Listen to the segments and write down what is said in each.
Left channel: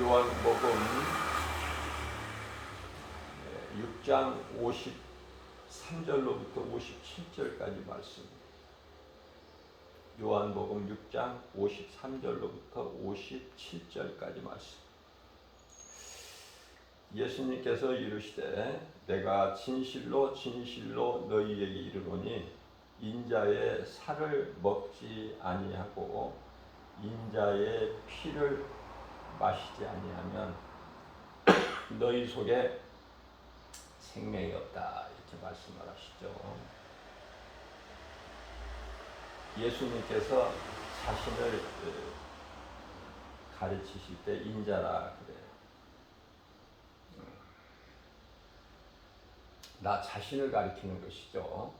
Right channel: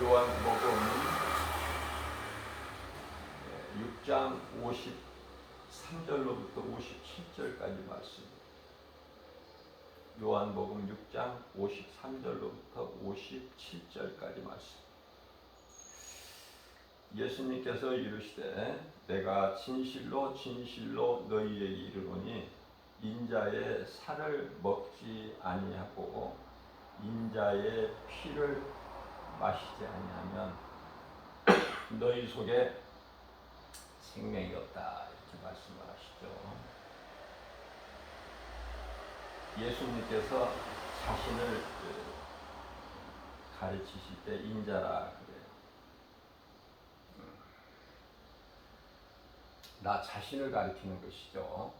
요한복음 6장 53절로부터 57절까지 말씀입니다. 요한복음 6장 53절로부터 57절까지 말씀. 예수님께서 이르시되 내가 진실로 진실로 너희에게 이르노니 인자의 살을 먹지 아니하고 인자의 피를 마시지 아니하면 너희 속에 생명이 없다, 이렇게 말씀을 하시죠. 예수님께서 자신을 가르치실 때 인자라 그래요. 나 자신을 가리키는 것이죠.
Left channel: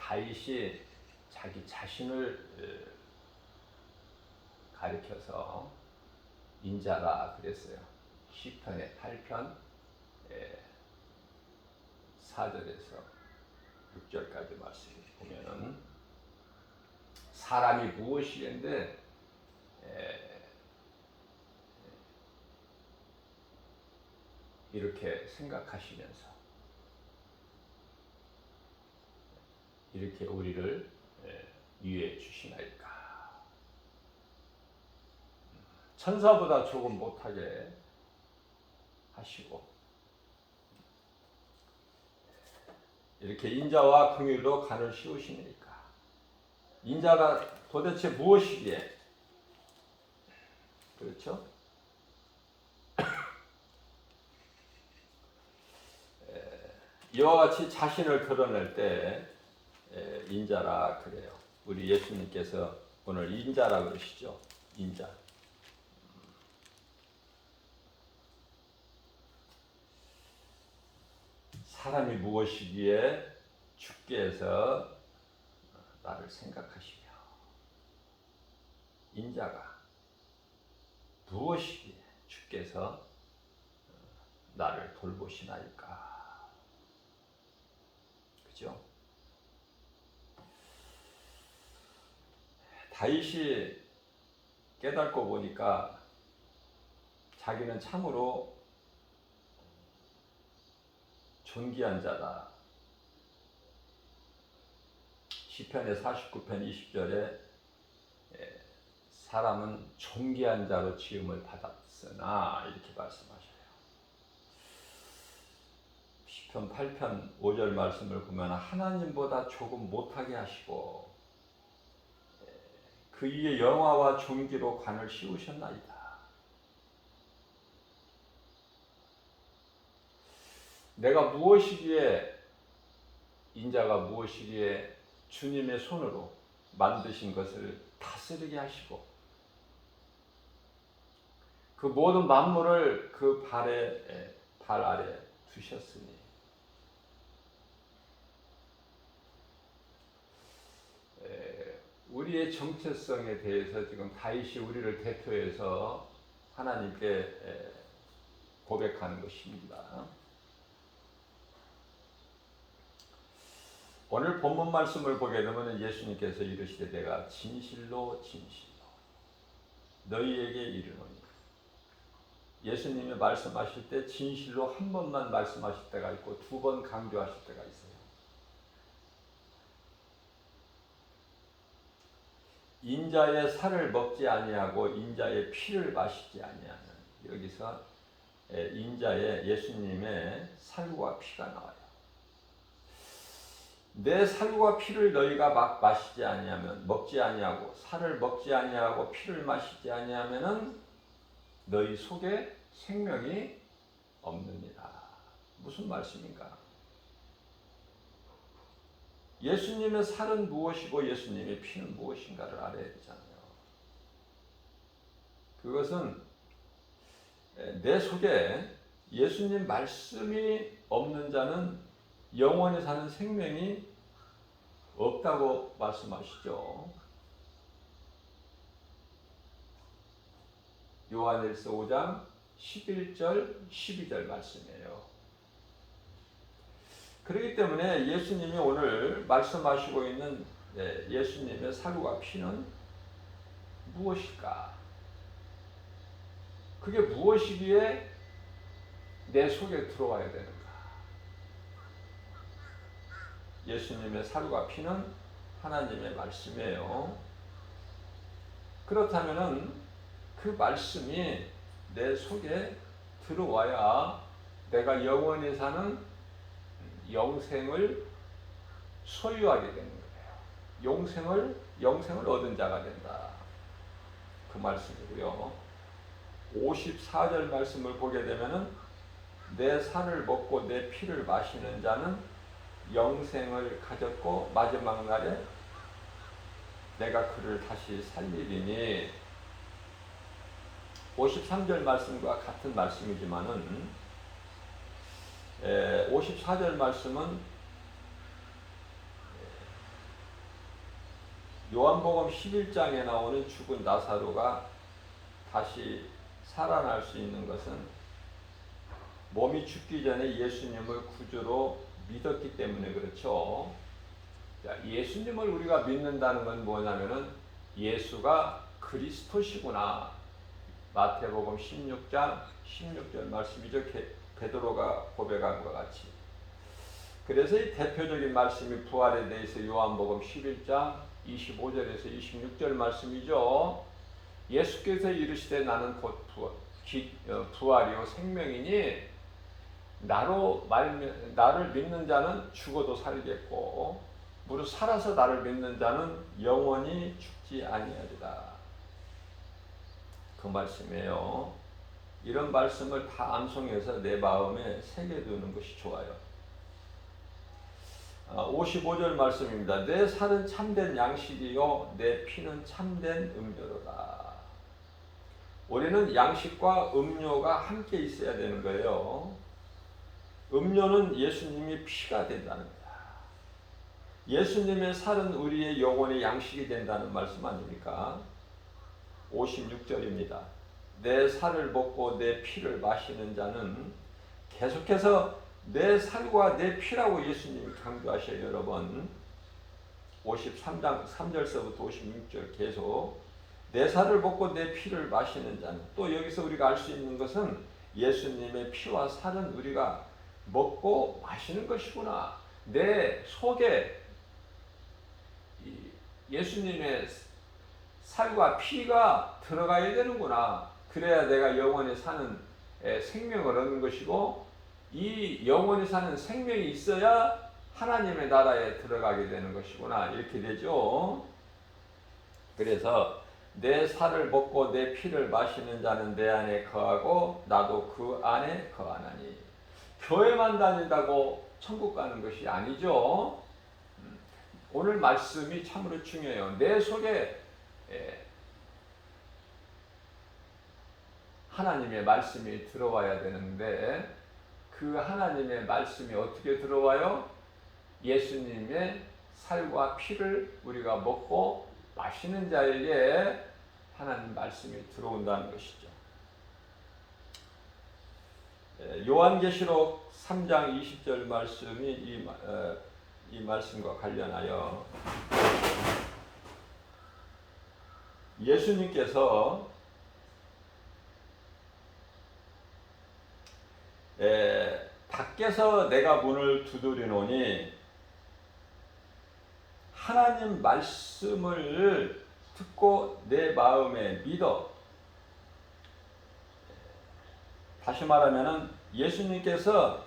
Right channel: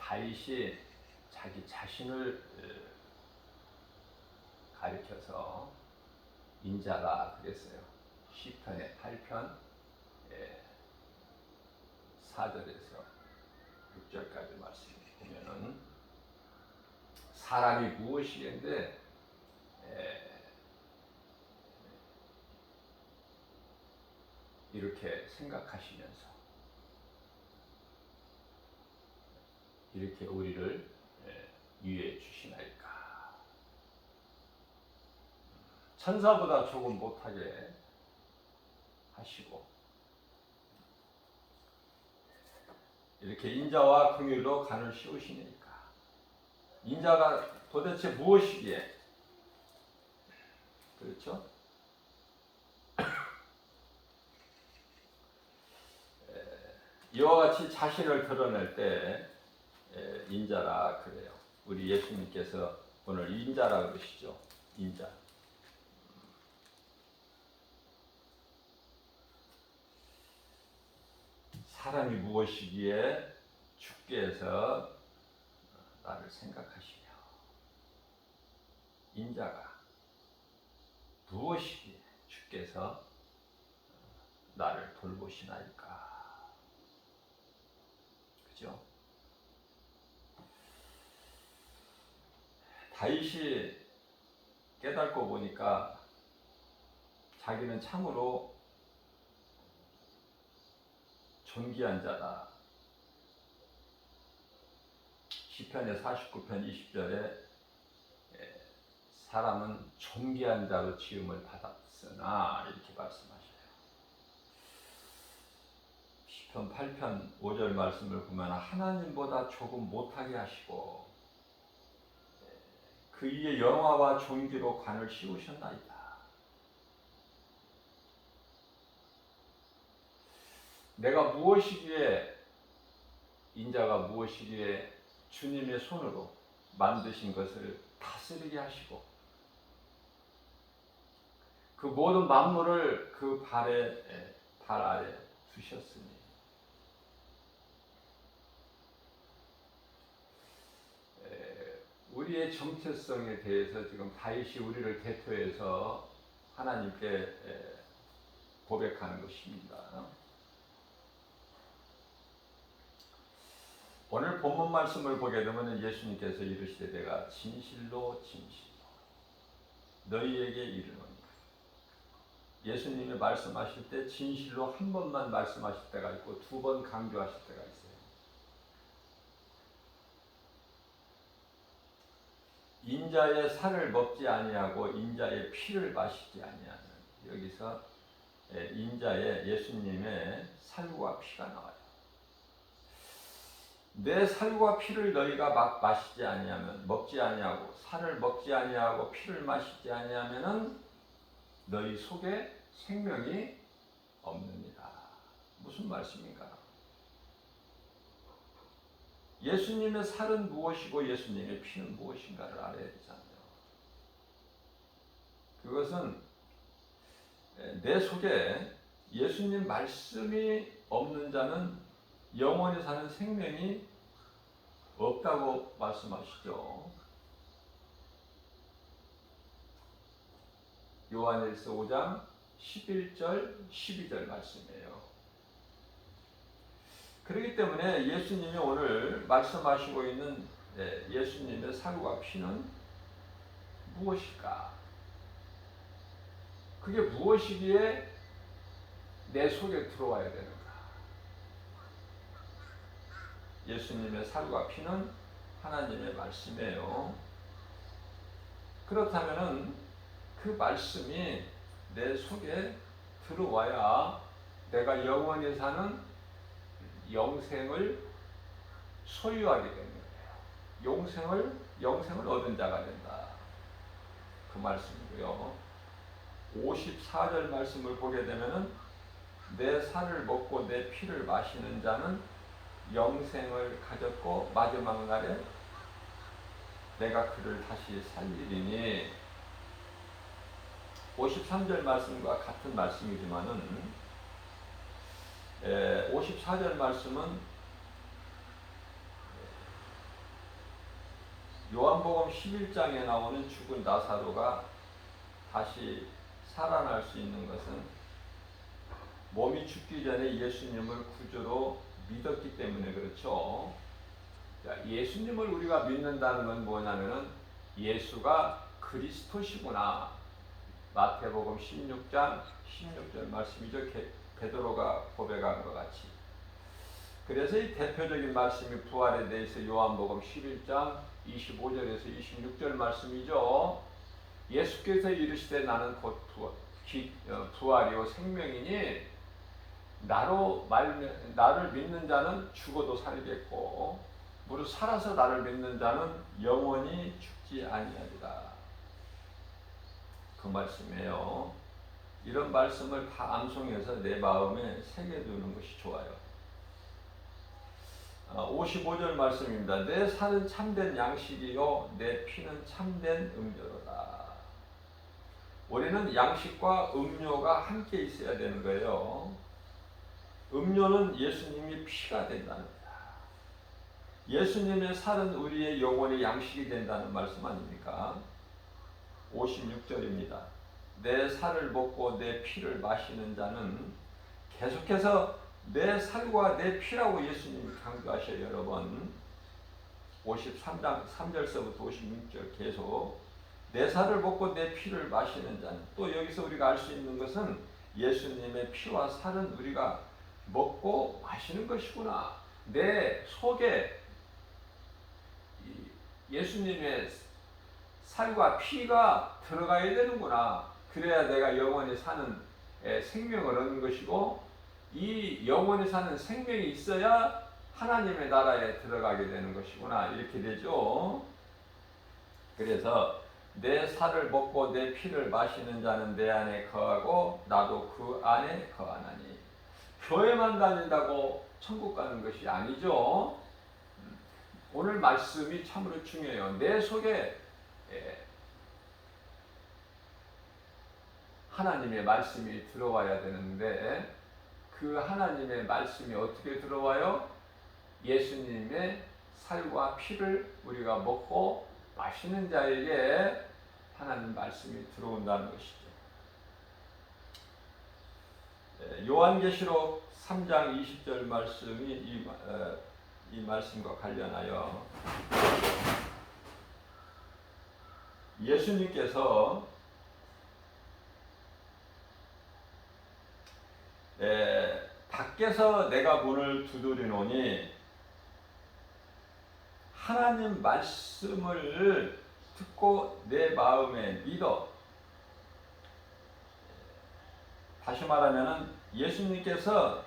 다윗이 자기 자신을 가리켜서 인자라 그랬어요. 시편의 8편 4절에서 6절까지 말씀을 보면은 사람이 무엇이겠는데 이렇게 생각하시면서 이렇게 우리를 위해 주시나이까. 천사보다 조금 못하게 하시고 이렇게 인자와 긍휼로 간을 씌우시니까. 인자가 도대체 무엇이기에? 그렇죠? 이와 같이 자신을 드러낼 때 인자라 그래요. 우리 예수님께서 오늘 인자라 그러시죠. 인자. 사람이 무엇이기에 주께서 나를 생각하시며 인자가 무엇이기에 주께서 나를 돌보시나이까. 그죠? 다윗이 깨닫고 보니까 자기는 참으로 존귀한 자다. 시편의 49편 20절에 사람은 존귀한 자로 지음을 받았으나 이렇게 말씀하셔요. 시편 8편 5절 말씀을 보면 하나님보다 조금 못하게 하시고 그 위에 영화와 존귀로 관을 씌우셨나이다. 내가 무엇이기에 인자가 무엇이기에 주님의 손으로 만드신 것을 다스리게 하시고 그 모든 만물을 그 발 아래 두셨으니 우리의 정체성에 대해서 지금 다윗이 우리를 대표해서 하나님께 고백하는 것입니다. 오늘 본문 말씀을 보게 되면 예수님께서 이르시되 내가 진실로 진실로 너희에게 이르노니. 예수님이 말씀하실 때 진실로 한 번만 말씀하실 때가 있고 두 번 강조하실 때가 있어요. 인자의 살을 먹지 아니하고 인자의 피를 마시지 아니하는, 여기서 인자의 예수님의 살과 피가 나와요. 내 살과 피를 너희가 마시지 아니하면, 먹지 아니하고 살을 먹지 아니하고 피를 마시지 아니하면은 너희 속에 생명이 없느니라. 무슨 말씀인가? 예수님의 살은 무엇이고 예수님의 피는 무엇인가를 알아야 되잖아요. 그것은 내 속에 예수님 말씀이 없는 자는 영원히 사는 생명이 없다고 말씀하시죠. 요한일서 5장 11절 12절 말씀이에요. 그렇기 때문에 예수님이 오늘 말씀하시고 있는 예수님의 살과 피는 무엇일까? 그게 무엇이기에 내 속에 들어와야 되는가? 예수님의 살과 피는 하나님의 말씀이에요. 그렇다면은 그 말씀이 내 속에 들어와야 내가 영원히 사는 영생을 소유하게 되는 거예요. 영생을 얻은 자가 된다. 그 말씀이고요. 54절 말씀을 보게 되면은 내 살을 먹고 내 피를 마시는 자는 영생을 가졌고 마지막 날에 내가 그를 다시 살리리니. 53절 말씀과 같은 말씀이지만은 54절 말씀은 요한복음 11장에 나오는 죽은 나사로가 다시 살아날 수 있는 것은 몸이 죽기 전에 예수님을 구주로 믿었기 때문에 그렇죠. 예수님을 우리가 믿는다는 건 뭐냐면은 예수가 그리스도시구나. 마태복음 16장 16절 말씀이죠. 베드로가 고백한 것 같이. 그래서 이 대표적인 말씀이 부활에 대해서 요한복음 11장 25절에서 26절 말씀이죠. 예수께서 이르시되 나는 곧 부활이요 생명이니 나를 믿는 자는 죽어도 살겠고 무릇 살아서 나를 믿는 자는 영원히 죽지 아니하리라. 그 말씀이에요. 이런 말씀을 다 암송해서 내 마음에 새겨두는 것이 좋아요. 55절 말씀입니다. 내 살은 참된 양식이요 내 피는 참된 음료로다. 우리는 양식과 음료가 함께 있어야 되는 거예요. 음료는 예수님이 피가 된다는 거야. 예수님의 살은 우리의 영혼의 양식이 된다는 말씀 아닙니까? 56절입니다. 내 살을 먹고 내 피를 마시는 자는, 계속해서 내 살과 내 피라고 예수님이 강조하셔요. 여러분 53장 3절서부터 56절 계속 내 살을 먹고 내 피를 마시는 자는, 또 여기서 우리가 알 수 있는 것은 예수님의 피와 살은 우리가 먹고 마시는 것이구나. 내 속에 예수님의 살과 피가 들어가야 되는구나. 그래야 내가 영원히 사는 생명을 얻는 것이고, 이 영원히 사는 생명이 있어야 하나님의 나라에 들어가게 되는 것이구나. 이렇게 되죠. 그래서 내 살을 먹고 내 피를 마시는 자는 내 안에 거하고 나도 그 안에 거하나니. 교회만 다닌다고 천국 가는 것이 아니죠. 오늘 말씀이 참으로 중요해요. 내 속에 하나님의 말씀이 들어와야 되는데, 그 하나님의 말씀이 어떻게 들어와요? 예수님의 살과 피를 우리가 먹고 마시는 자에게 하나님 말씀이 들어온다는 것이죠. 요한계시록 3장 20절 말씀이 이 말씀과 관련하여 예수님께서 밖에서 내가 문을 두드리노니 하나님 말씀을 듣고 내 마음에 믿어. 다시 말하면은 예수님께서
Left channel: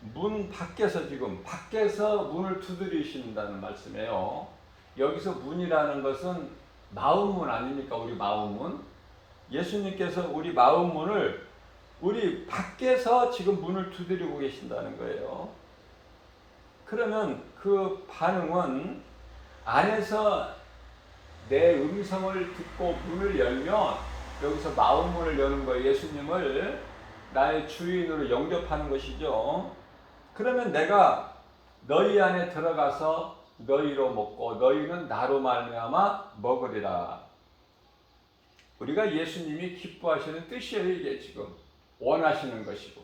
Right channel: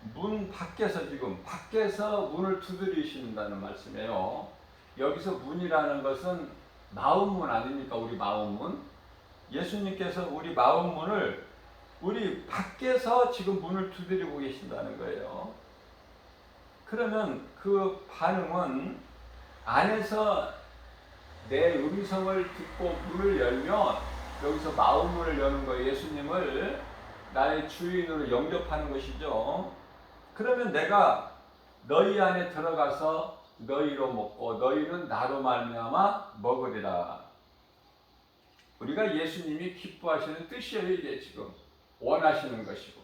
문 밖에서, 지금 밖에서 문을 두드리신다는 말씀이에요. 여기서 문이라는 것은 마음문 아닙니까? 우리 마음문. 예수님께서 우리 마음문을 우리 밖에서 지금 문을 두드리고 계신다는 거예요. 그러면 그 반응은 안에서 내 음성을 듣고 문을 열면, 여기서 마음문을 여는 거예요. 예수님을 나의 주인으로 영접하는 것이죠. 그러면 내가 너희 안에 들어가서 너희로 먹고 너희는 나로 말미암아 먹으리라. 우리가 예수님이 기뻐하시는 뜻이에요. 이게 지금 원하시는 것이고,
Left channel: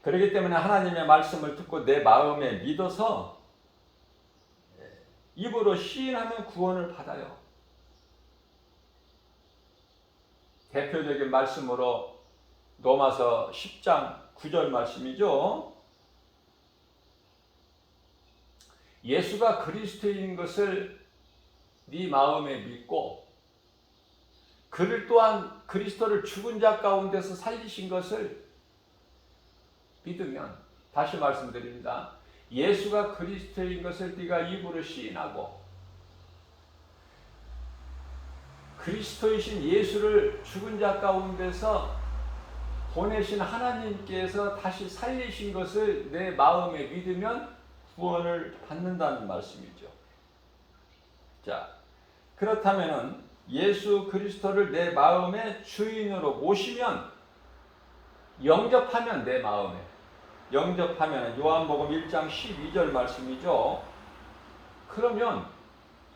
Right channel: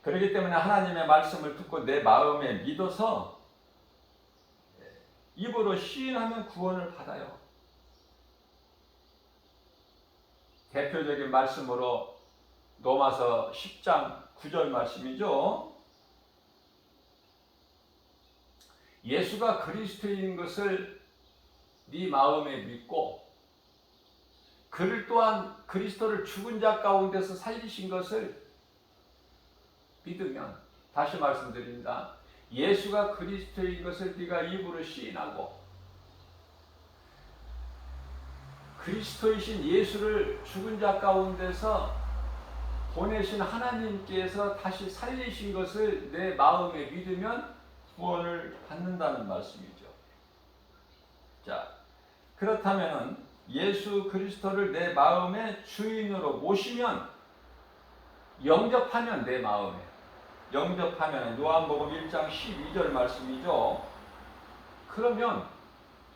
그렇기 때문에 하나님의 말씀을 듣고 내 마음에 믿어서 입으로 시인하면 구원을 받아요. 대표적인 말씀으로 로마서 10장 9절 말씀이죠. 예수가 그리스도인 것을 네 마음에 믿고 그를 또한 그리스도를 죽은 자 가운데서 살리신 것을 믿으면, 다시 말씀드립니다. 예수가 그리스도인 것을 네가 입으로 시인하고 그리스도이신 예수를 죽은 자 가운데서 보내신 하나님께서 다시 살리신 것을 내 마음에 믿으면 구원을 받는다는 말씀이죠. 자, 그렇다면 예수 그리스도를 내 마음의 주인으로 모시면, 영접하면, 내 마음에 영접하면, 요한복음 1장 12절 말씀이죠. 그러면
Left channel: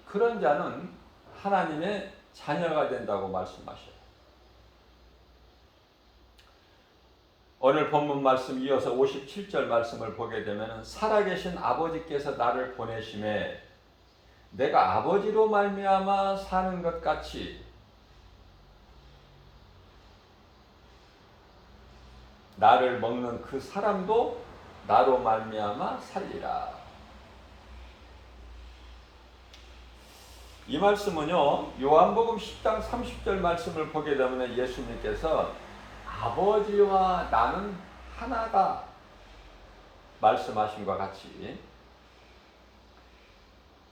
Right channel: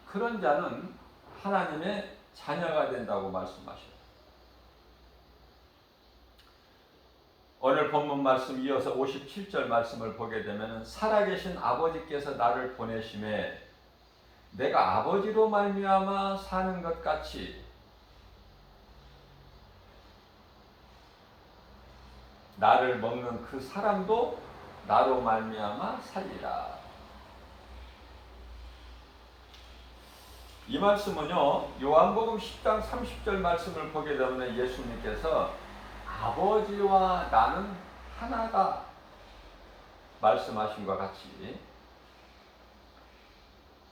그런 자는 하나님의 자녀가 된다고 말씀하셔요. 오늘 본문 말씀 이어서 57절 말씀을 보게 되면, 살아계신 아버지께서 나를 보내심에 내가 아버지로 말미암아 사는 것 같이 나를 먹는 그 사람도 나로 말미암아 살리라. 이 말씀은요, 요한복음 10장 30절 말씀을 보게 되면 예수님께서 아버지와 나는 하나다 말씀하신 것 같이,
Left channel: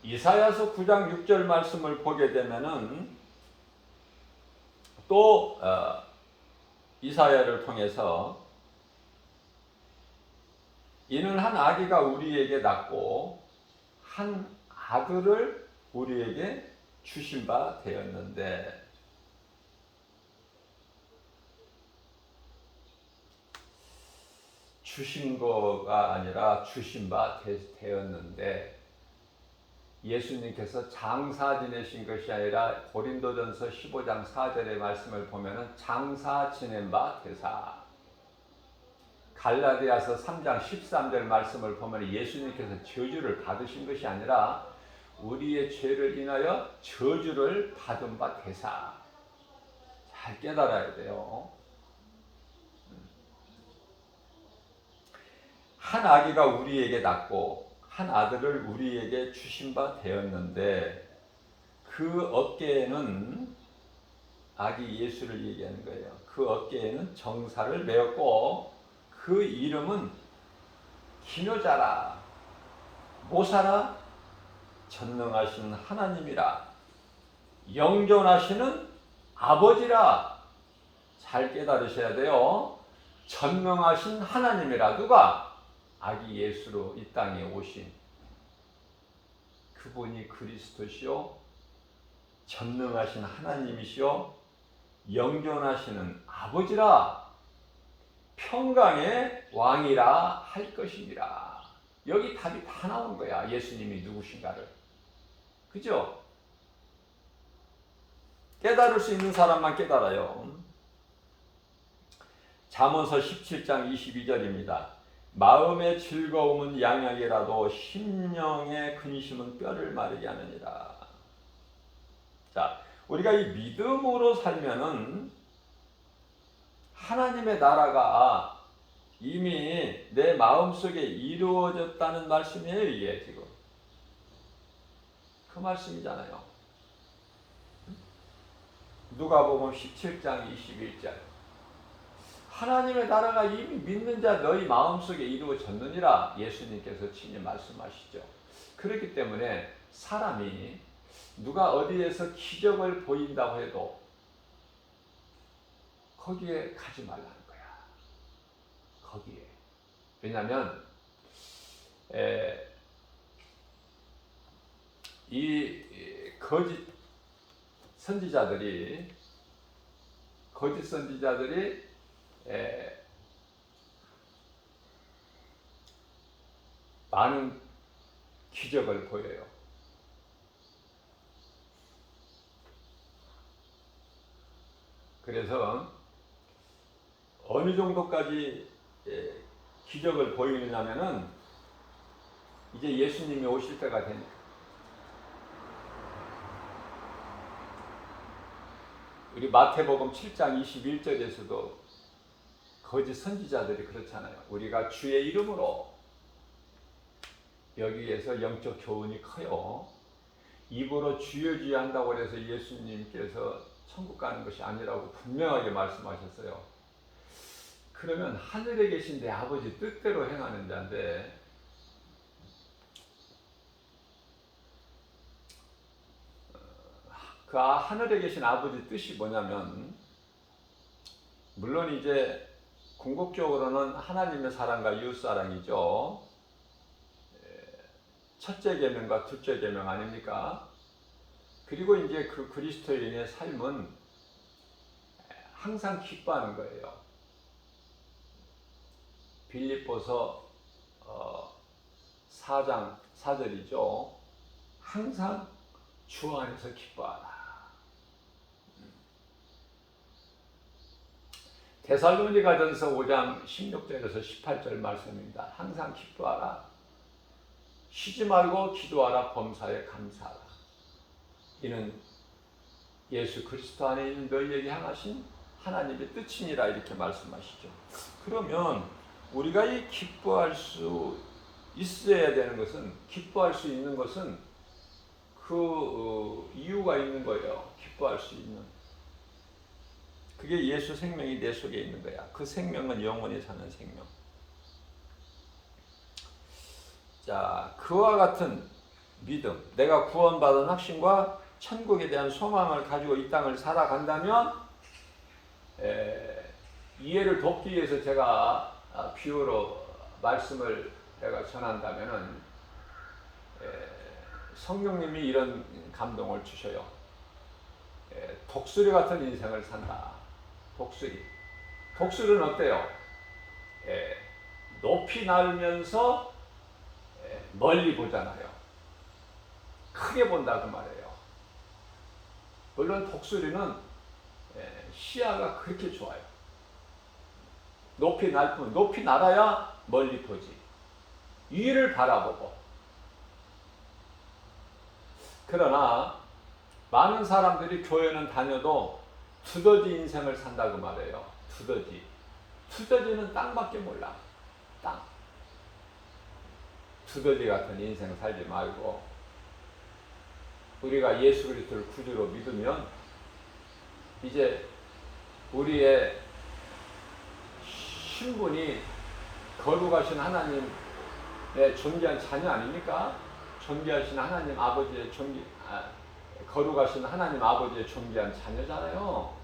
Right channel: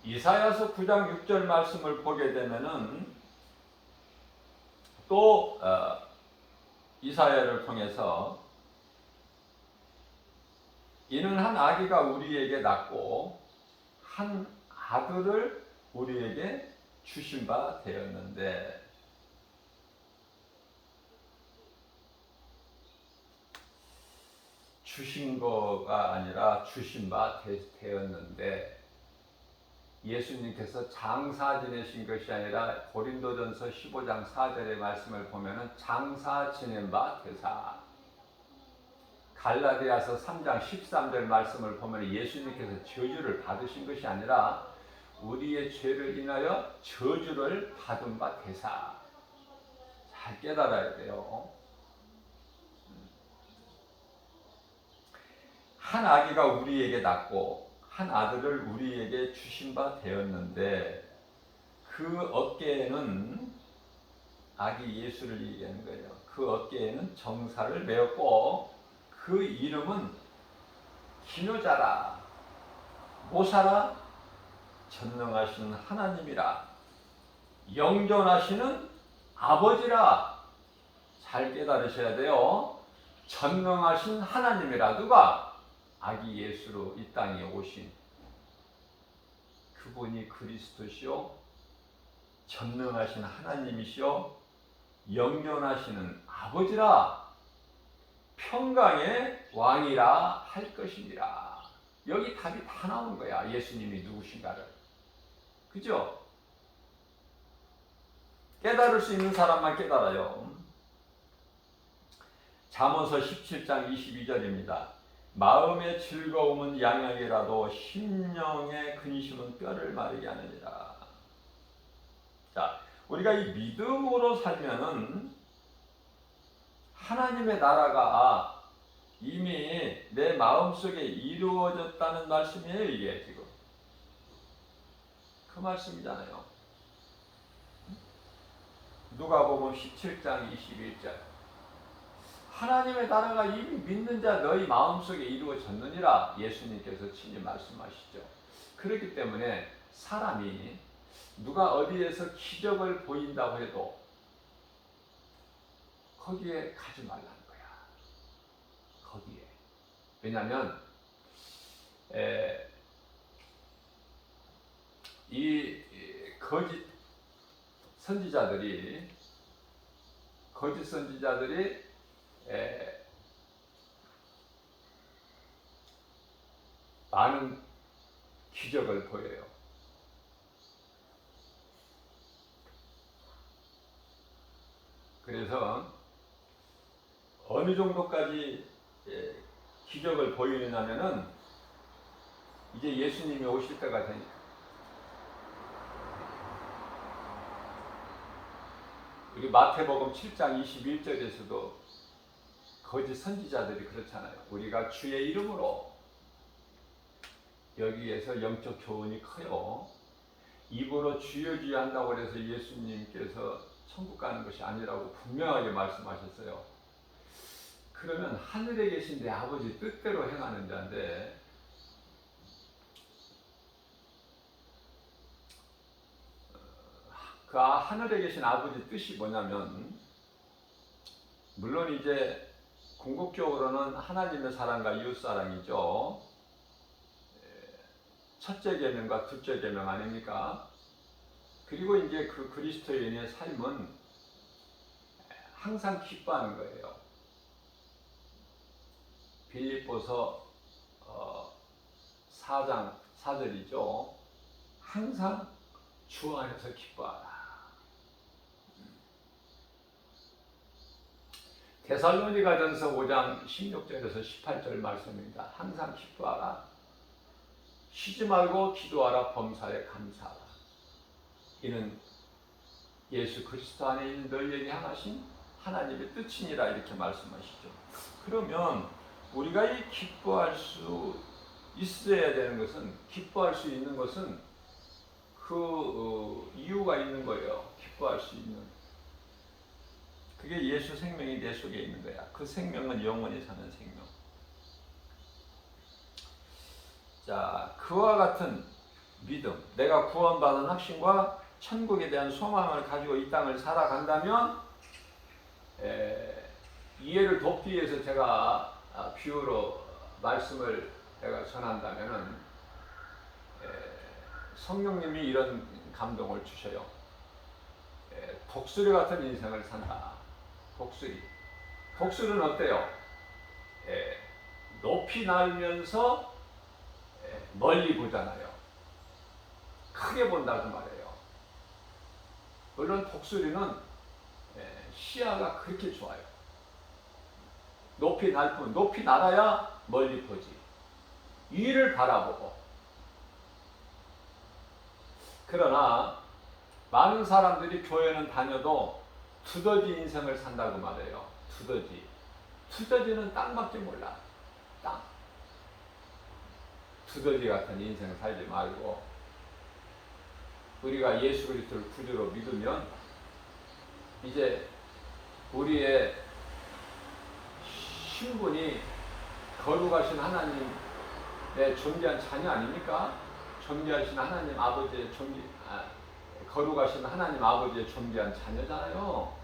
이사야서 9장 6절 말씀을 보게 되면은 또 이사야를 통해서 이는 한 아기가 우리에게 낳고 한 아들을 우리에게 주신 바 되었는데, 주신 거가 아니라 주신 바 되었는데, 예수님께서 장사 지내신 것이 아니라 고린도전서 15장 4절의 말씀을 보면은 장사 지낸 바 되사, 갈라디아서 3장 13절 말씀을 보면 예수님께서 저주를 받으신 것이 아니라 우리의 죄를 인하여 저주를 받은 바 되사. 잘 깨달아야 돼요. 한 아기가 우리에게 낳고 한 아들을 우리에게 주신 바 되었는데, 그 어깨에는, 아기 예수를 얘기하는 거예요. 그 어깨에는 정사를 메었고 그 이름은 기묘자라, 모사라, 전능하신 하나님이라, 영존하시는 아버지라. 잘 깨달으셔야 돼요. 전능하신 하나님이라. 누가? 아기 예수로 이 땅에 오신 그분이 그리스도시요, 전능하신 하나님이시요, 영존하시는 아버지라, 평강의 왕이라 할 것이니라. 여기 답이 다 나온 거야. 예수님이 누구신가를. 그죠? 깨달을 수 있는 사람만 깨달아요. 잠언서 17장 22절입니다. 마음의 즐거움은 양약이라도 심령의 근심은 뼈를 마르게 하느니라. 자, 우리가 이 믿음으로 살면은 하나님의 나라가 이미 내 마음속에 이루어졌다는 말씀이에요. 이게 지금 그 말씀이잖아요. 누가복음 17장 21절. 하나님의 나라가 이미 믿는 자 너희 마음속에 이루어졌느니라. 예수님께서 친히 말씀하시죠. 그렇기 때문에 사람이 누가 어디에서 기적을 보인다고 해도 거기에 가지 말라는 거야. 거기에. 왜냐하면 이 거짓 선지자들이 많은 기적을 보여요. 그래서 어느 정도까지 기적을 보이느냐면은 이제 예수님이 오실 때가 되니까. 우리 마태복음 7장 21절에서도 거짓 선지자들이 그렇잖아요. 우리가 주의 이름으로 여기에서 영적 교훈이 커요. 입으로 주여 주여 한다고 해서 예수님께서 천국 가는 것이 아니라고 분명하게 말씀하셨어요. 그러면 하늘에 계신 내 아버지 뜻대로 행하는 자인데 그 하늘에 계신 아버지 뜻이 뭐냐면 물론 이제 궁극적으로는 하나님의 사랑과 이웃 사랑이죠. 첫째 계명과 둘째 계명 아닙니까? 그리고 이제 그 그리스도인의 삶은 항상 기뻐하는 거예요. 빌립보서 4장 4절이죠. 항상 주 안에서 기뻐하라. 데살로니가전서 5장 16절에서 18절 말씀입니다. 항상 기뻐하라. 쉬지 말고 기도하라. 범사에 감사하라. 이는 예수 그리스도 안에 있는 너희에게 향하신 하나님의 뜻이니라 이렇게 말씀하시죠. 그러면 우리가 이 기뻐할 수 있어야 되는 것은 기뻐할 수 있는 것은 그 이유가 있는 거예요. 기뻐할 수 있는. 그게 예수 생명이 내 속에 있는 거야. 그 생명은 영원히 사는 생명. 자, 그와 같은 믿음, 내가 구원받은 확신과 천국에 대한 소망을 가지고 이 땅을 살아간다면 이해를 돕기 위해서 제가 비유로 말씀을 내가 전한다면은 성령님이 이런 감동을 주셔요. 독수리 같은 인생을 산다. 독수리는 어때요? 높이 날면서 멀리 보잖아요. 크게 본다고 말해요. 물론 독수리는 시야가 그렇게 좋아요. 높이 날 뿐, 높이 날아야 멀리 보지. 위를 바라보고. 그러나 많은 사람들이 교회는 다녀도 두더지 인생을 산다고 말해요. 두더지는 땅밖에 몰라. 땅. 두더지 같은 인생 살지 말고 우리가 예수 그리스도를 구주로 믿으면 이제 우리의 신분이 거룩하신 하나님의 존귀한 자녀 아닙니까? 존귀하신 하나님 아버지의 거룩하신 하나님 아버지의 존귀한 자녀잖아요.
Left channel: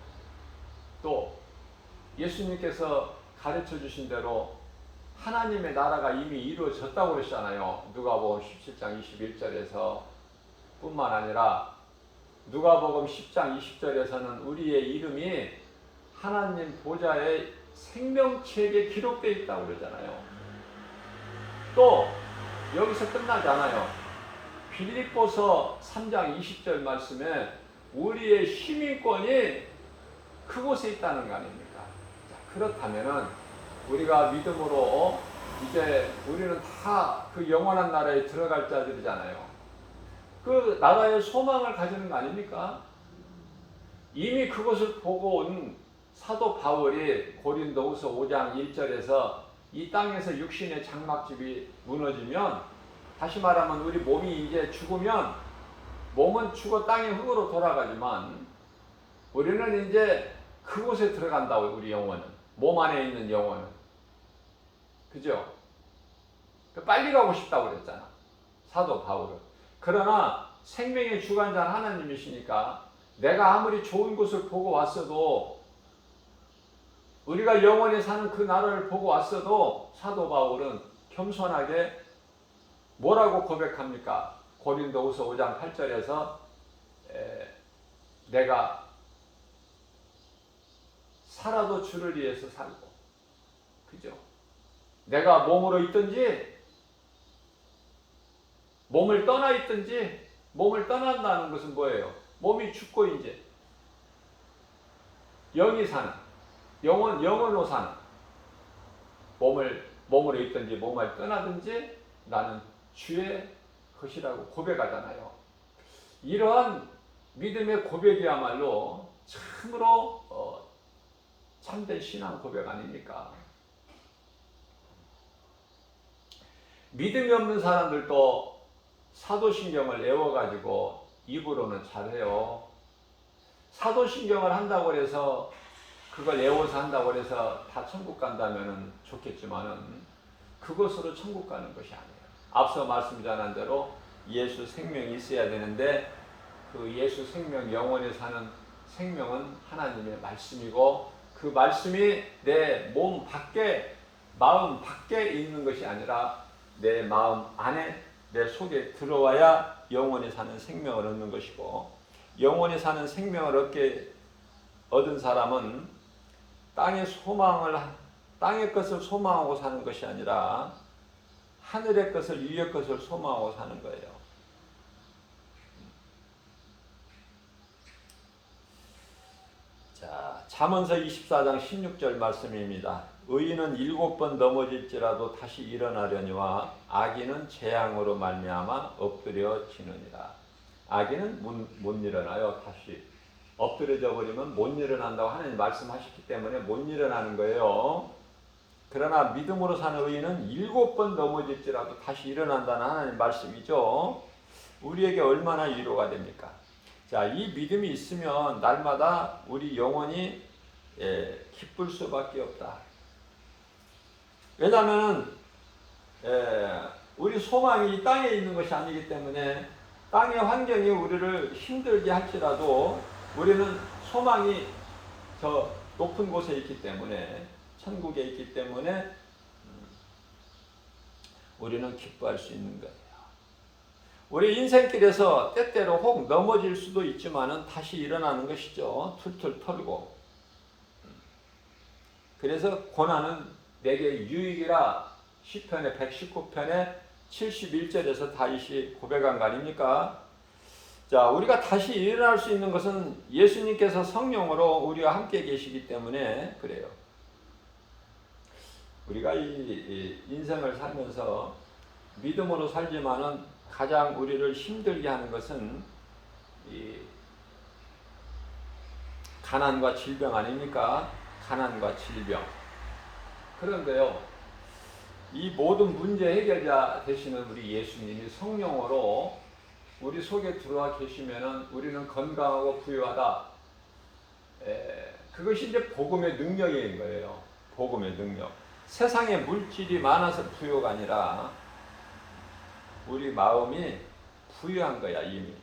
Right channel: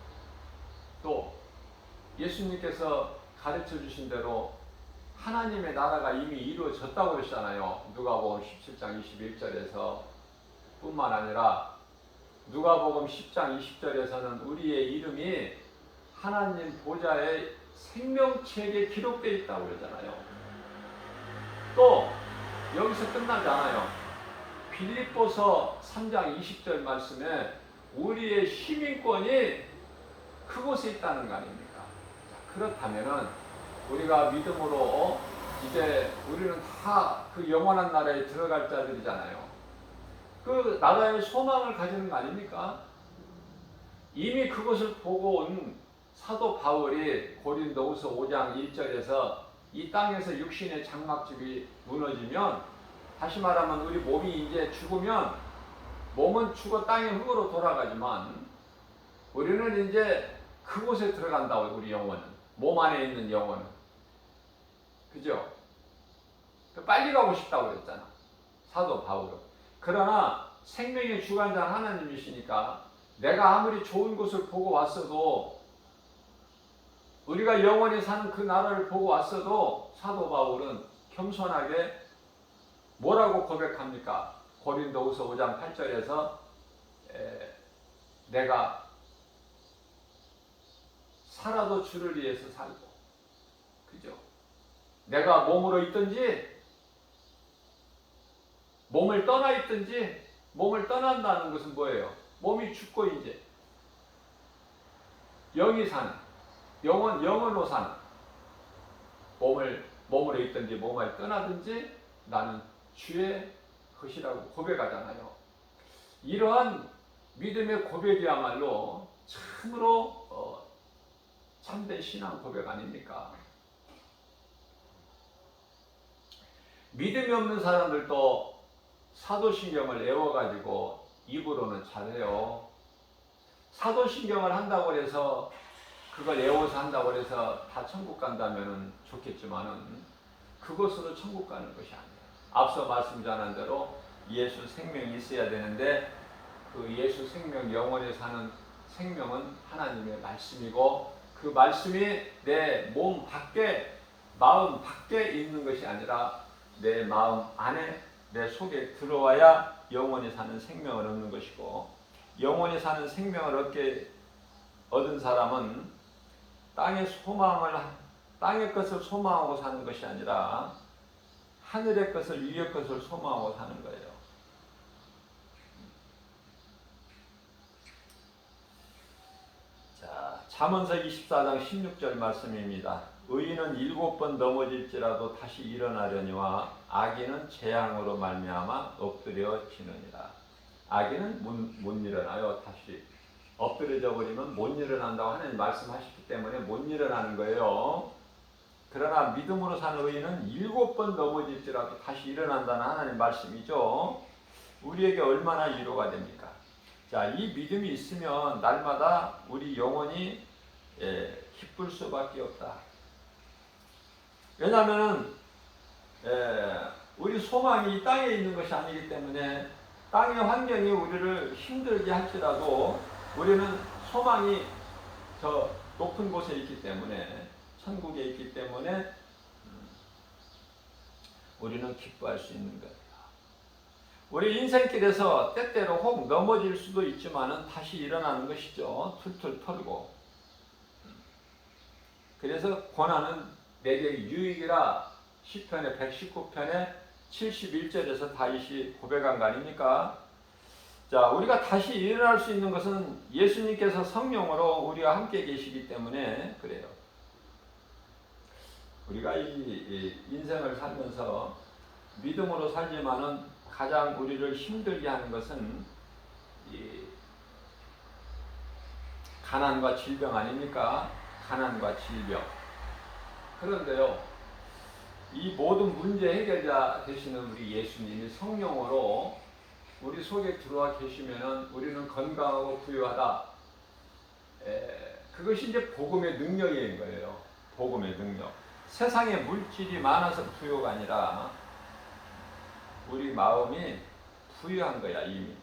또 예수님께서 가르쳐 주신 대로 하나님의 나라가 이미 이루어졌다고 그러셨잖아요. 누가복음 17장 21절에서 뿐만 아니라 누가복음 10장 20절에서는 우리의 이름이 하나님 보좌의 생명책에 기록되어 있다고 그러잖아요. 또 여기서 끝나지 않아요. 빌립보서 3장 20절 말씀에 우리의 시민권이 그곳에 있다는 거 아닙니까? 그렇다면은 우리가 믿음으로 이제 우리는 다 그 영원한 나라에 들어갈 자들이잖아요. 그 나라의 소망을 가지는 거 아닙니까? 이미 그것을 보고 온 사도 바울이 고린도후서 5장 1절에서 이 땅에서 육신의 장막집이 무너지면 다시 말하면 우리 몸이 이제 죽으면 몸은 죽어 땅의 흙으로 돌아가지만 우리는 이제 그곳에 들어간다고. 우리 영혼은 몸 안에 있는 영혼은 그죠? 빨리 가고 싶다고 그랬잖아 사도 바울은. 그러나 생명의 주관자는 하나님이시니까 내가 아무리 좋은 곳을 보고 왔어도 우리가 영원히 사는 그 나라를 보고 왔어도 사도 바울은 겸손하게 뭐라고 고백합니까? 고린도후서 5장 8절에서 내가 살아도 주를 위해서 살고, 그죠? 내가 몸으로 있든지 몸을 떠나 있든지. 몸을 떠난다는 것은 뭐예요? 몸이 죽고 이제 영이 사는, 영원으로 사는, 몸으로 있든지 몸을 떠나든지 나는 주의 것이라고 고백하잖아요. 이러한 믿음의 고백이야말로 참으로 참된 신앙 고백 아닙니까? 믿음이 없는 사람들도 사도신경을 외워가지고 입으로는 잘해요. 사도신경을 한다고 해서 그걸 외워서 한다고 해서 다 천국 간다면 좋겠지만은 그것으로 천국 가는 것이 아니에요. 앞서 말씀 전한 대로 예수 생명이 있어야 되는데 그 예수 생명, 영원히 사는 생명은 하나님의 말씀이고 그 말씀이 내 몸 밖에, 마음 밖에 있는 것이 아니라 내 마음 안에, 내 속에 들어와야 영원히 사는 생명을 얻는 것이고, 영원히 사는 생명을 얻은 사람은 땅의 것을 소망하고 사는 것이 아니라 하늘의 것을, 위의 것을 소망하고 사는 거예요. 자, 잠언서 24장 16절 말씀입니다. 의인은 7번 넘어질지라도 다시 일어나려니와 악인은 재앙으로 말미암아 엎드려지느니라. 악인은 못 일어나요. 다시 엎드려져 버리면 못 일어난다고 하나님 말씀하셨기 때문에 못 일어나는 거예요. 그러나 믿음으로 사는 의인은 7번 넘어질지라도 다시 일어난다는 하나님 말씀이죠. 우리에게 얼마나 위로가 됩니까? 자, 이 믿음이 있으면 날마다 우리 영혼이 기쁠 수밖에 없다. 왜냐하면 우리 소망이 이 땅에 있는 것이 아니기 때문에 땅의 환경이 우리를 힘들게 할지라도 우리는 소망이 저 높은 곳에 있기 때문에, 천국에 있기 때문에 우리는 기뻐할 수 있는 거예요. 우리 인생길에서 때때로 혹 넘어질 수도 있지만은 다시 일어나는 것이죠. 툴툴 털고. 그래서 고난은 내게 유익이라 시편의 119편의 71절에서 다윗이 고백한 거 아닙니까? 자, 우리가 다시 일어날 수 있는 것은 예수님께서 성령으로 우리와 함께 계시기 때문에 그래요. 우리가 이 인생을 살면서 믿음으로 살지만은 가장 우리를 힘들게 하는 것은 이 가난과 질병 아닙니까? 가난과 질병. 그런데요, 이 모든 문제 해결자 되시는 우리 예수님이 성령으로 우리 속에 들어와 계시면은 우리는 건강하고 부유하다. 그것이 이제 복음의 능력인 거예요. 복음의 능력. 세상에 물질이 많아서 부유가 아니라 우리 마음이 부유한 거야, 이미.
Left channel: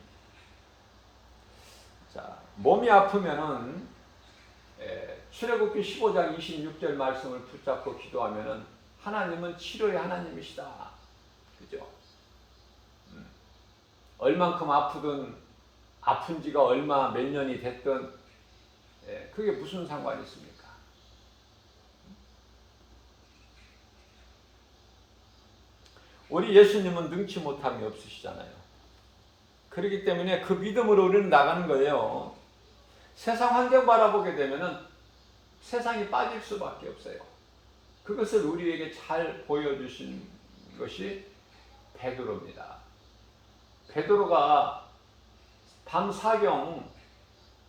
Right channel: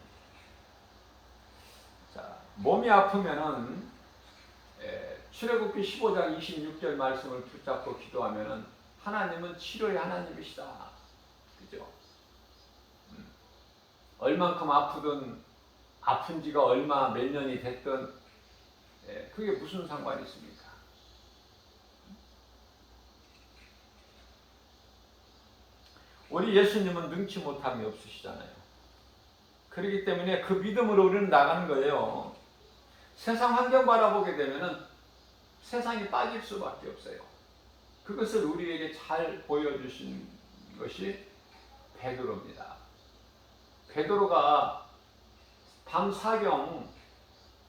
자, 몸이 아프면은 출애굽기 15장 26절 말씀을 붙잡고 기도하면은 하나님은 치료의 하나님이시다. 그죠? 얼만큼 아프든 아픈 지가 얼마 몇 년이 됐든 그게 무슨 상관이 있습니까? 우리 예수님은 능치 못함이 없으시잖아요. 그렇기 때문에 그 믿음으로 우리는 나가는 거예요. 세상 환경 바라보게 되면은 세상이 빠질 수밖에 없어요. 그것을 우리에게 잘 보여주신 것이 베드로입니다. 베드로가 밤 사경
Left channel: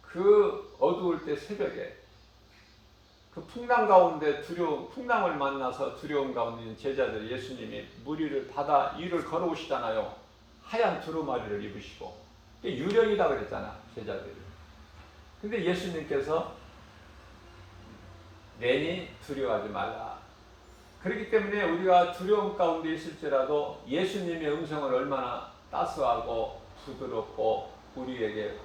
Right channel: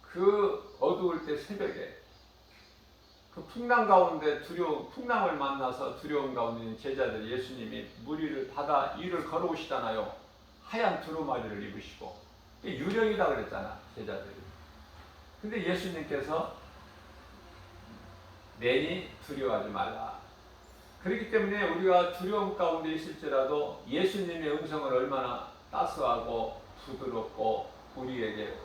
그 어두울 때 새벽에 그 풍랑 가운데 풍랑을 만나서 두려움 가운데 있는 제자들, 예수님이 무리를 받아 일을 걸어오시잖아요. 하얀 두루마리를 입으시고 유령이다 그랬잖아, 제자들이. 근데 예수님께서 내니 두려워하지 말라. 그렇기 때문에 우리가 두려움 가운데 있을지라도 예수님의 음성을 얼마나 따스하고 부드럽고 우리에게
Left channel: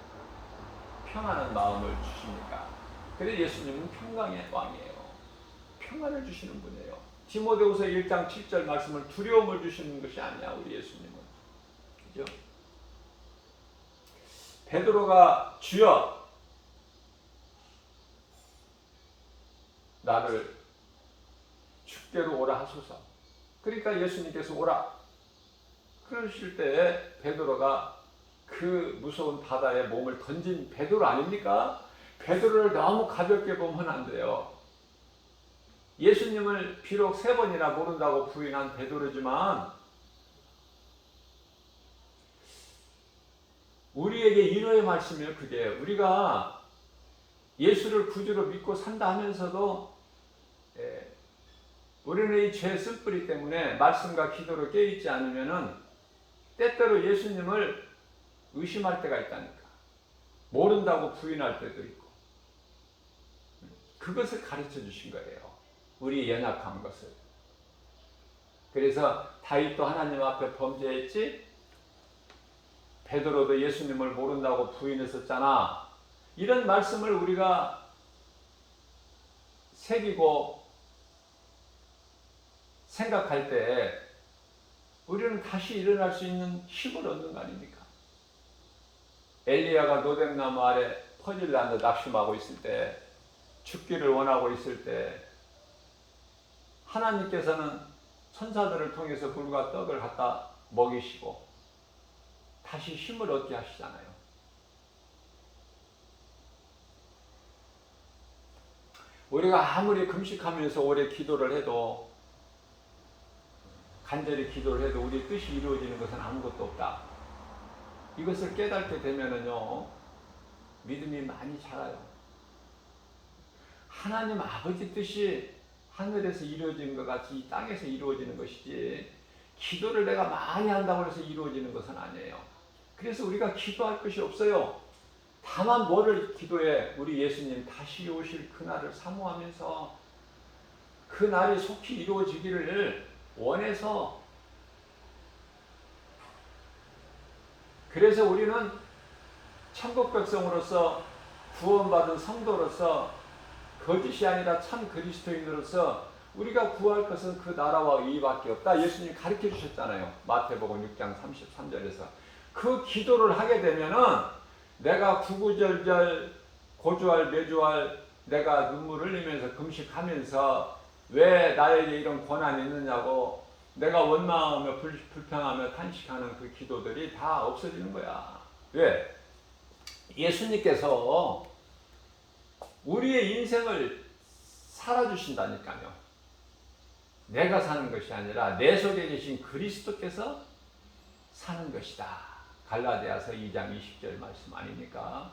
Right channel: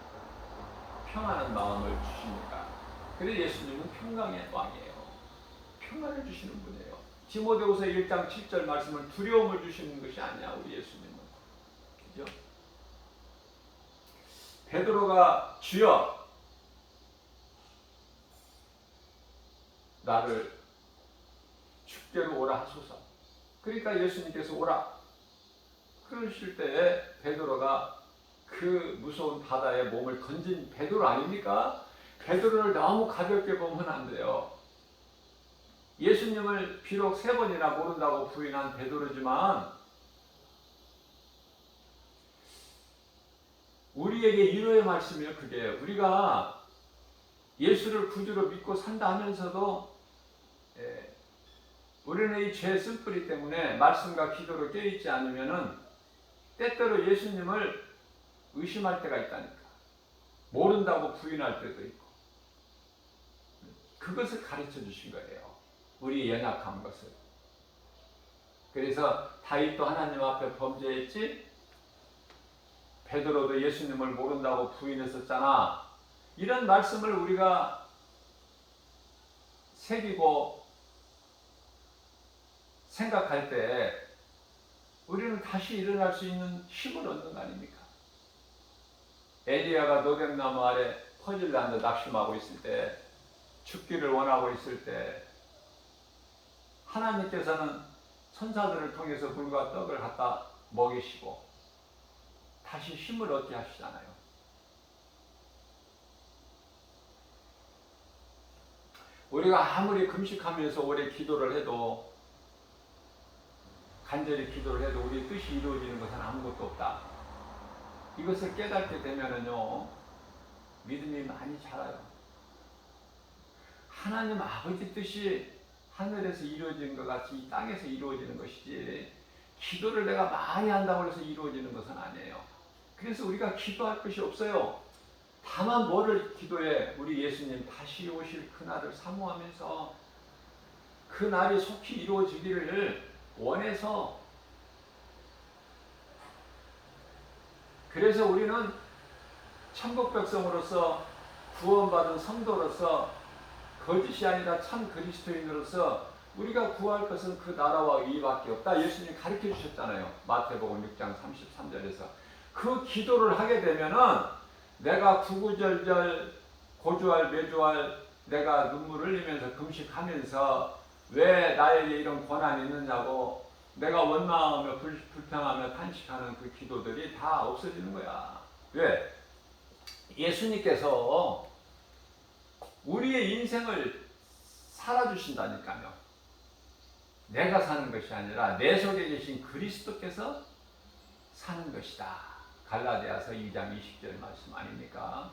평안한 마음을 주십니까? 그래서 예수님은 평강의 왕이에요. 평안을 주시는 분이에요. 디모데후서 1장 7절 말씀을 두려움을 주시는 것이 아니야, 우리 예수님은. 그죠? 베드로가 주여 나를 축대로 오라 하소서. 그러니까 예수님께서 오라. 그러실 때 베드로가 그 무서운 바다에 몸을 던진 베드로 아닙니까? 베드로를 너무 가볍게 보면 안 돼요. 예수님을 비록 3번이나 모른다고 부인한 베드로지만 우리에게 위로의 말씀이에요. 그게 우리가 예수를 구주로 믿고 산다 하면서도 우리는 이 죄 쓴뿌리 때문에 말씀과 기도로 깨어있지 않으면은 때때로 예수님을 의심할 때가 있다니까. 모른다고 부인할 때도 있고. 그것을 가르쳐 주신 거예요. 우리 연약한 것을. 그래서 다윗도 하나님 앞에 범죄했지, 베드로도 예수님을 모른다고 부인했었잖아. 이런 말씀을 우리가 새기고 생각할 때 우리는 다시 일어날 수 있는 힘을 얻는 거 아닙니까? 엘리야가 노뱀나무 아래 퍼질라는데 낙심하고 있을 때, 죽기를 원하고 있을 때 하나님께서는 천사들을 통해서 불과 떡을 갖다 먹이시고 다시 힘을 얻게 하시잖아요. 우리가 아무리 금식하면서 오래 기도를 해도, 간절히 기도를 해도 우리 뜻이 이루어지는 것은 아무것도 없다. 이것을 깨닫게 되면은요, 믿음이 많이 자라요. 하나님 아버지 뜻이 하늘에서 이루어지는 것 같이 이 땅에서 이루어지는 것이지, 기도를 내가 많이 한다고 해서 이루어지는 것은 아니에요. 그래서 우리가 기도할 것이 없어요. 다만 뭐를 기도해? 우리 예수님 다시 오실 그날을 사모하면서 그 날이 속히 이루어지기를 원해서. 그래서 우리는 천국 백성으로서, 구원받은 성도로서, 거짓이 아니라 참 그리스도인으로서 우리가 구할 것은 그 나라와 의밖에 없다. 예수님이 가르쳐 주셨잖아요. 마태복음 6장 33절에서. 그 기도를 하게 되면은 내가 구구절절 고주할 매주할 내가 눈물 흘리면서 금식하면서 왜 나에게 이런 고난이 있느냐고 내가 원망하며 불평하며 탄식하는 그 기도들이 다 없어지는 거야. 왜? 예수님께서 우리의 인생을 살아주신다니까요. 내가 사는 것이 아니라 내 속에 계신 그리스도께서 사는 것이다. 갈라디아서 2장 20절 말씀 아닙니까?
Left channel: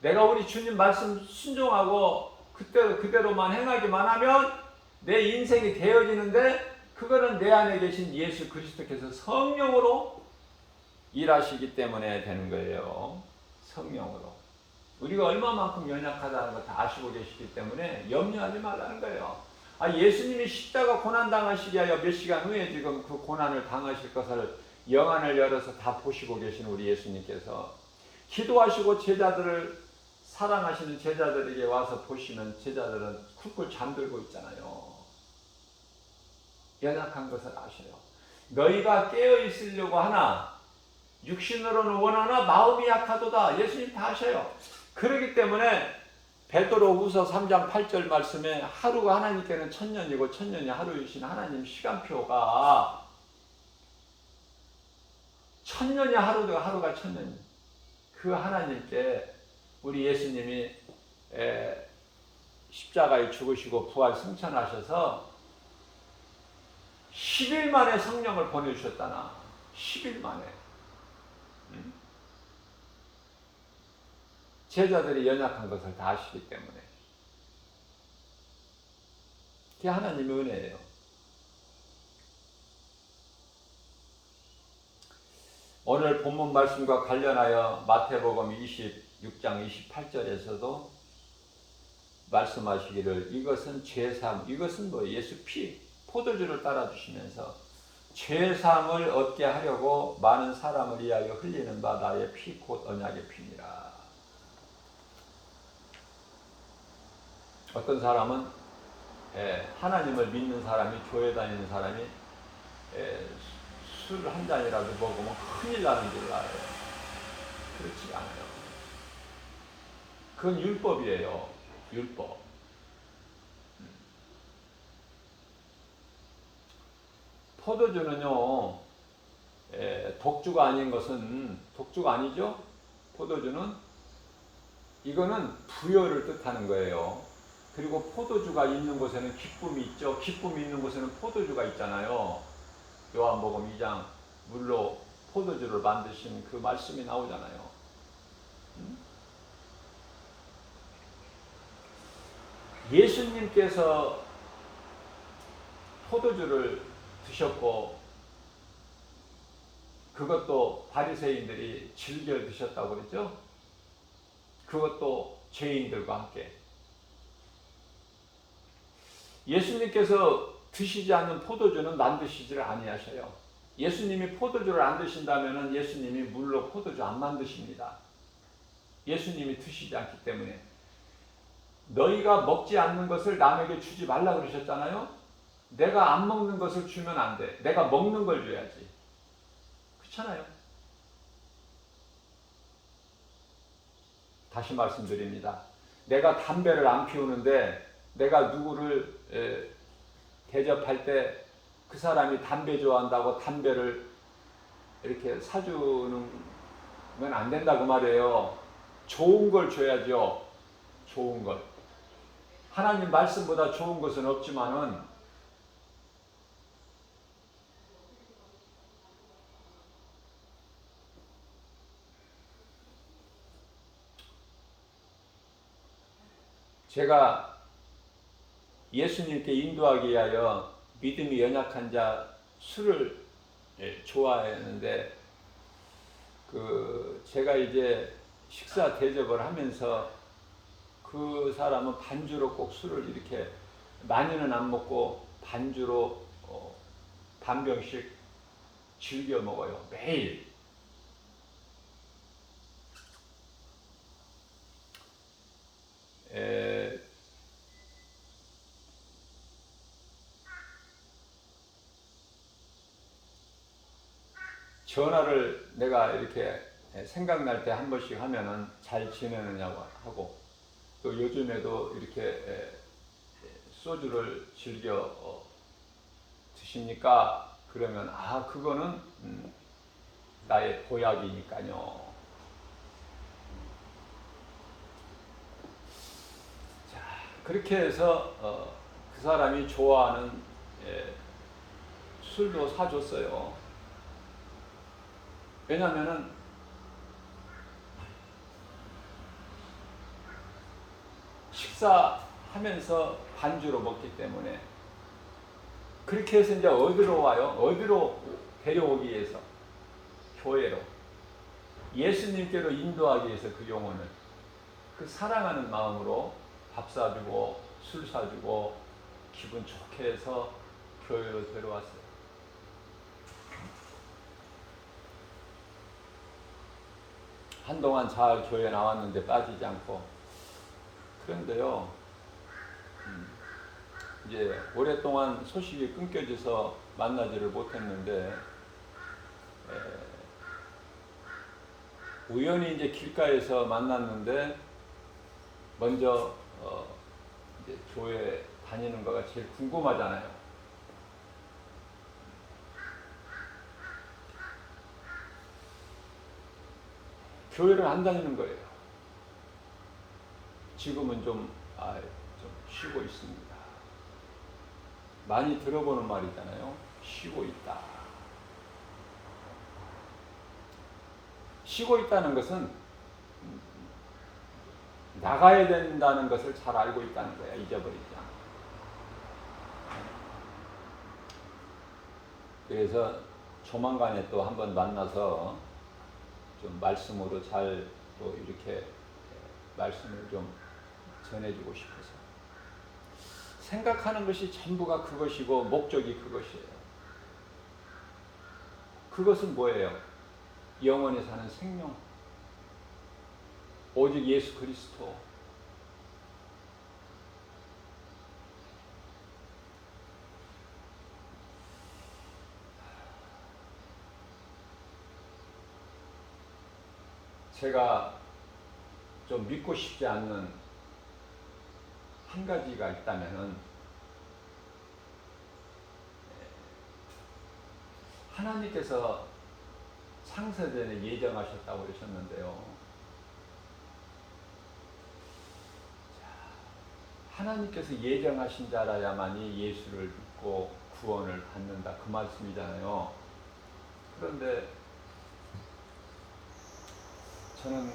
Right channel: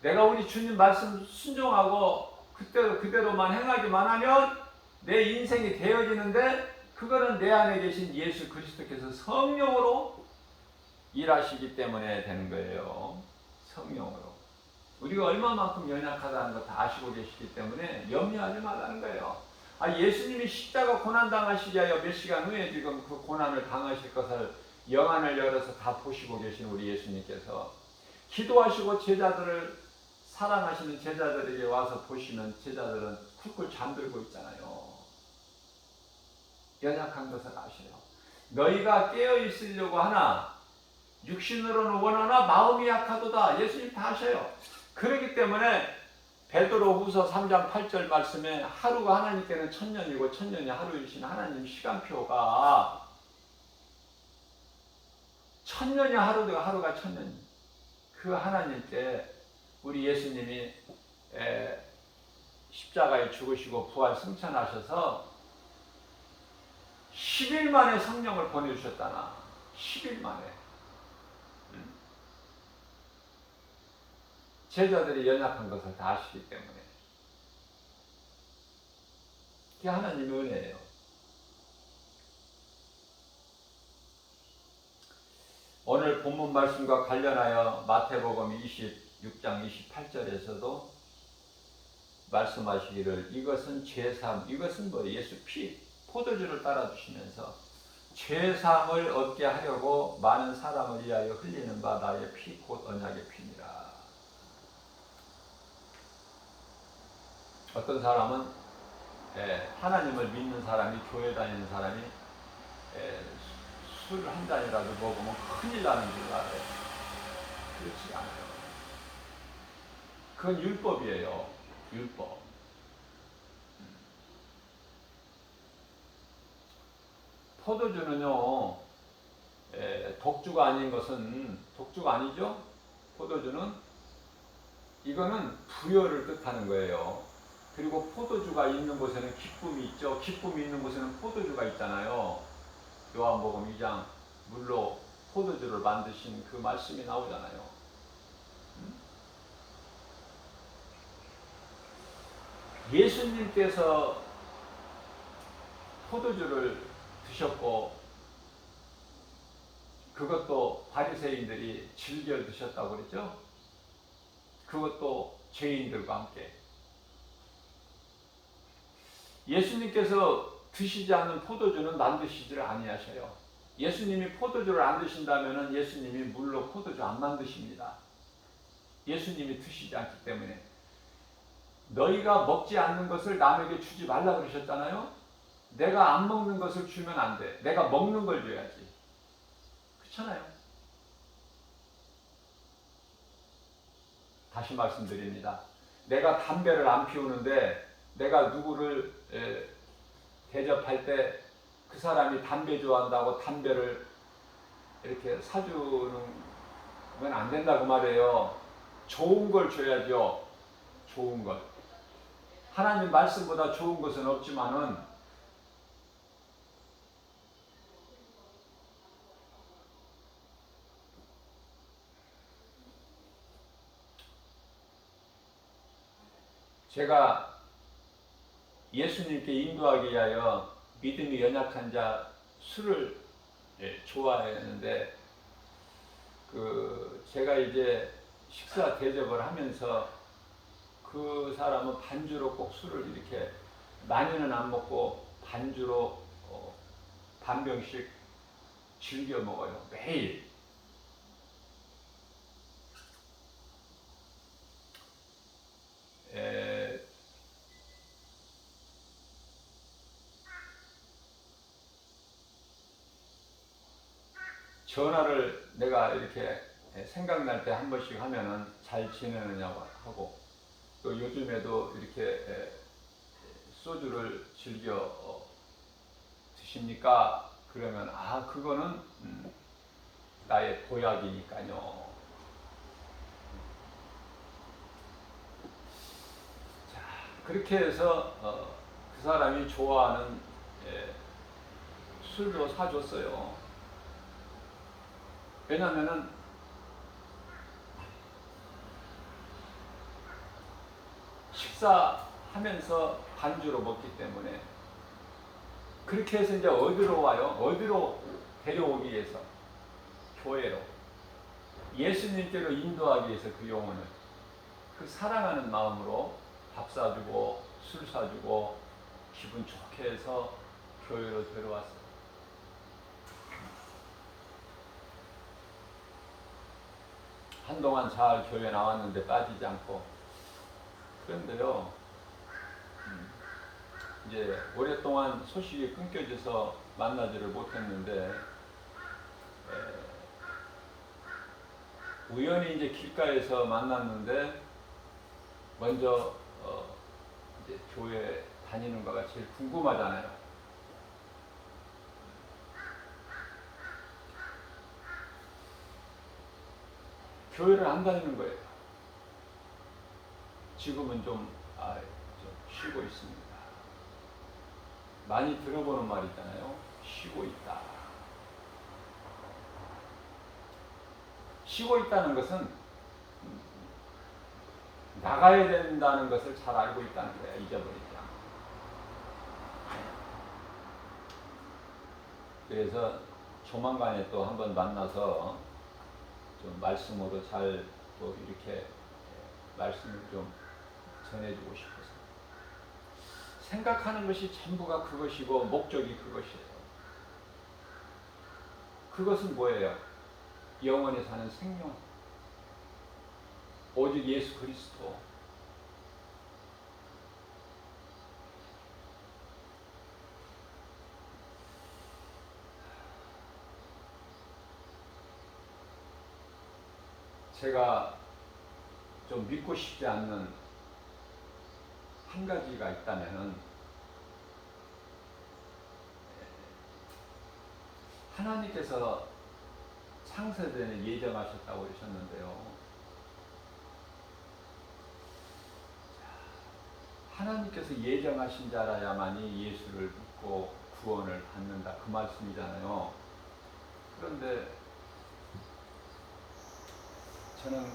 내가 우리 주님 말씀 순종하고 그대로만 행하기만 하면 내 인생이 되어지는데, 그거는 내 안에 계신 예수 그리스도께서 성령으로 일하시기 때문에 되는 거예요. 성령으로. 우리가 얼마만큼 연약하다는 걸 다 아시고 계시기 때문에 염려하지 말라는 거예요. 예수님이 십자가 고난 당하시기 위하여 몇 시간 후에 지금 그 고난을 당하실 것을 영안을 열어서 다 보시고 계신 우리 예수님께서 기도하시고 제자들을 사랑하시는 제자들에게 와서 보시는 제자들은 쿨쿨 잠들고 있잖아요. 연약한 것을 아셔요. 너희가 깨어 있으려고 하나 육신으로는 원하나 마음이 약하도다. 예수님 다 아셔요. 그렇기 때문에 베드로후서 3장 8절 말씀에 하루가 하나님께는 천년이고 천년이 하루이신 하나님 시간표가 천년이 하루가 천년. 그 하나님께 우리 예수님이 십자가에 죽으시고 부활 승천하셔서 10일 만에 성령을 보내주셨다나. 10일 만에. 제자들이 연약한 것을 다 아시기 때문에. 그게 하나님의 은혜예요. 오늘 본문 말씀과 관련하여 마태복음 26장 28절에서도 말씀하시기를 이것은 죄사함, 이것은 뭐 예수 피, 포도주를 따라주시면서 죄사함을 얻게 하려고 많은 사람을 위하여 흘리는 바 나의 피 곧 언약의 피니라. 어떤 사람은 하나님을 믿는 사람이, 교회 다니는 사람이 술 한 잔이라도 먹으면 큰일 나는 줄 알아요. 그렇지 않아요. 그건 율법이에요. 율법. 포도주는요, 독주가 아닌 것은, 독주가 아니죠? 포도주는 이거는 부여를 뜻하는 거예요. 그리고 포도주가 있는 곳에는 기쁨이 있죠. 기쁨이 있는 곳에는 포도주가 있잖아요. 요한복음 2장 물로 포도주를 만드신 그 말씀이 나오잖아요. 예수님께서 포도주를 드셨고 그것도 바리새인들이 즐겨 드셨다고 그랬죠? 그것도 죄인들과 함께. 예수님께서 드시지 않는 포도주는 만드시지를 아니하셔요. 예수님이 포도주를 안 드신다면 예수님이 물로 포도주 안 만드십니다. 예수님이 드시지 않기 때문에. 너희가 먹지 않는 것을 남에게 주지 말라 그러셨잖아요. 내가 안 먹는 것을 주면 안 돼. 내가 먹는 걸 줘야지. 그렇잖아요. 다시 말씀드립니다. 내가 담배를 안 피우는데 내가 누구를 대접할 때 그 사람이 담배 좋아한다고 담배를 이렇게 사주는 건 안 된다고 말이에요. 좋은 걸 줘야죠. 좋은 것. 하나님 말씀보다 좋은 것은 없지만은 제가 예수님께 인도하기 위하여 믿음이 연약한 자 술을 좋아했는데 제가 이제 식사 대접을 하면서 그 사람은 반주로 꼭 술을 이렇게 많이는 안 먹고 반주로 반 병씩 즐겨 먹어요. 매일. 전화를 내가 이렇게 생각날 때 한 번씩 하면은 잘 지내느냐고 하고 또 요즘에도 이렇게 소주를 즐겨 드십니까? 그러면 그거는 나의 보약이니까요. 자, 그렇게 해서 그 사람이 좋아하는 술도 사줬어요. 왜냐면은 식사하면서 반주로 먹기 때문에. 그렇게 해서 이제 어디로 와요? 어디로 데려오기 위해서? 교회로. 예수님께로 인도하기 위해서 그 영혼을. 그 사랑하는 마음으로 밥 사주고 술 사주고 기분 좋게 해서 교회로 데려왔어요. 한동안 잘 교회 나왔는데 빠지지 않고. 그런데요, 이제 오랫동안 소식이 끊겨져서 만나지를 못했는데 우연히 이제 길가에서 만났는데 먼저 이제 교회 다니는 거가 제일 궁금하잖아요. 교회를 안 다니는 거예요. 지금은 좀 쉬고 있습니다. 많이 들어보는 말이잖아요. 쉬고 있다. 쉬고 있다는 것은 나가야 된다는 것을 잘 알고 있다는 거야. 잊어버리지 않고. 그래서 조만간에 또 한번 만나서 좀 말씀으로 잘 또 이렇게 말씀을 좀 전해주고 싶어서. 생각하는 것이 전부가 그것이고 목적이 그것이에요. 그것은 뭐예요? 영원히 사는 생명. 오직 예수 그리스도. 제가 좀 믿고 싶지 않는 한 가지가 있다면은 하나님께서 창세전에 예정하셨다고 그러셨는데요. 하나님께서 예정하신 자라야만이 예수를 믿고 구원을 받는다. 그 말씀이잖아요. 그런데 저는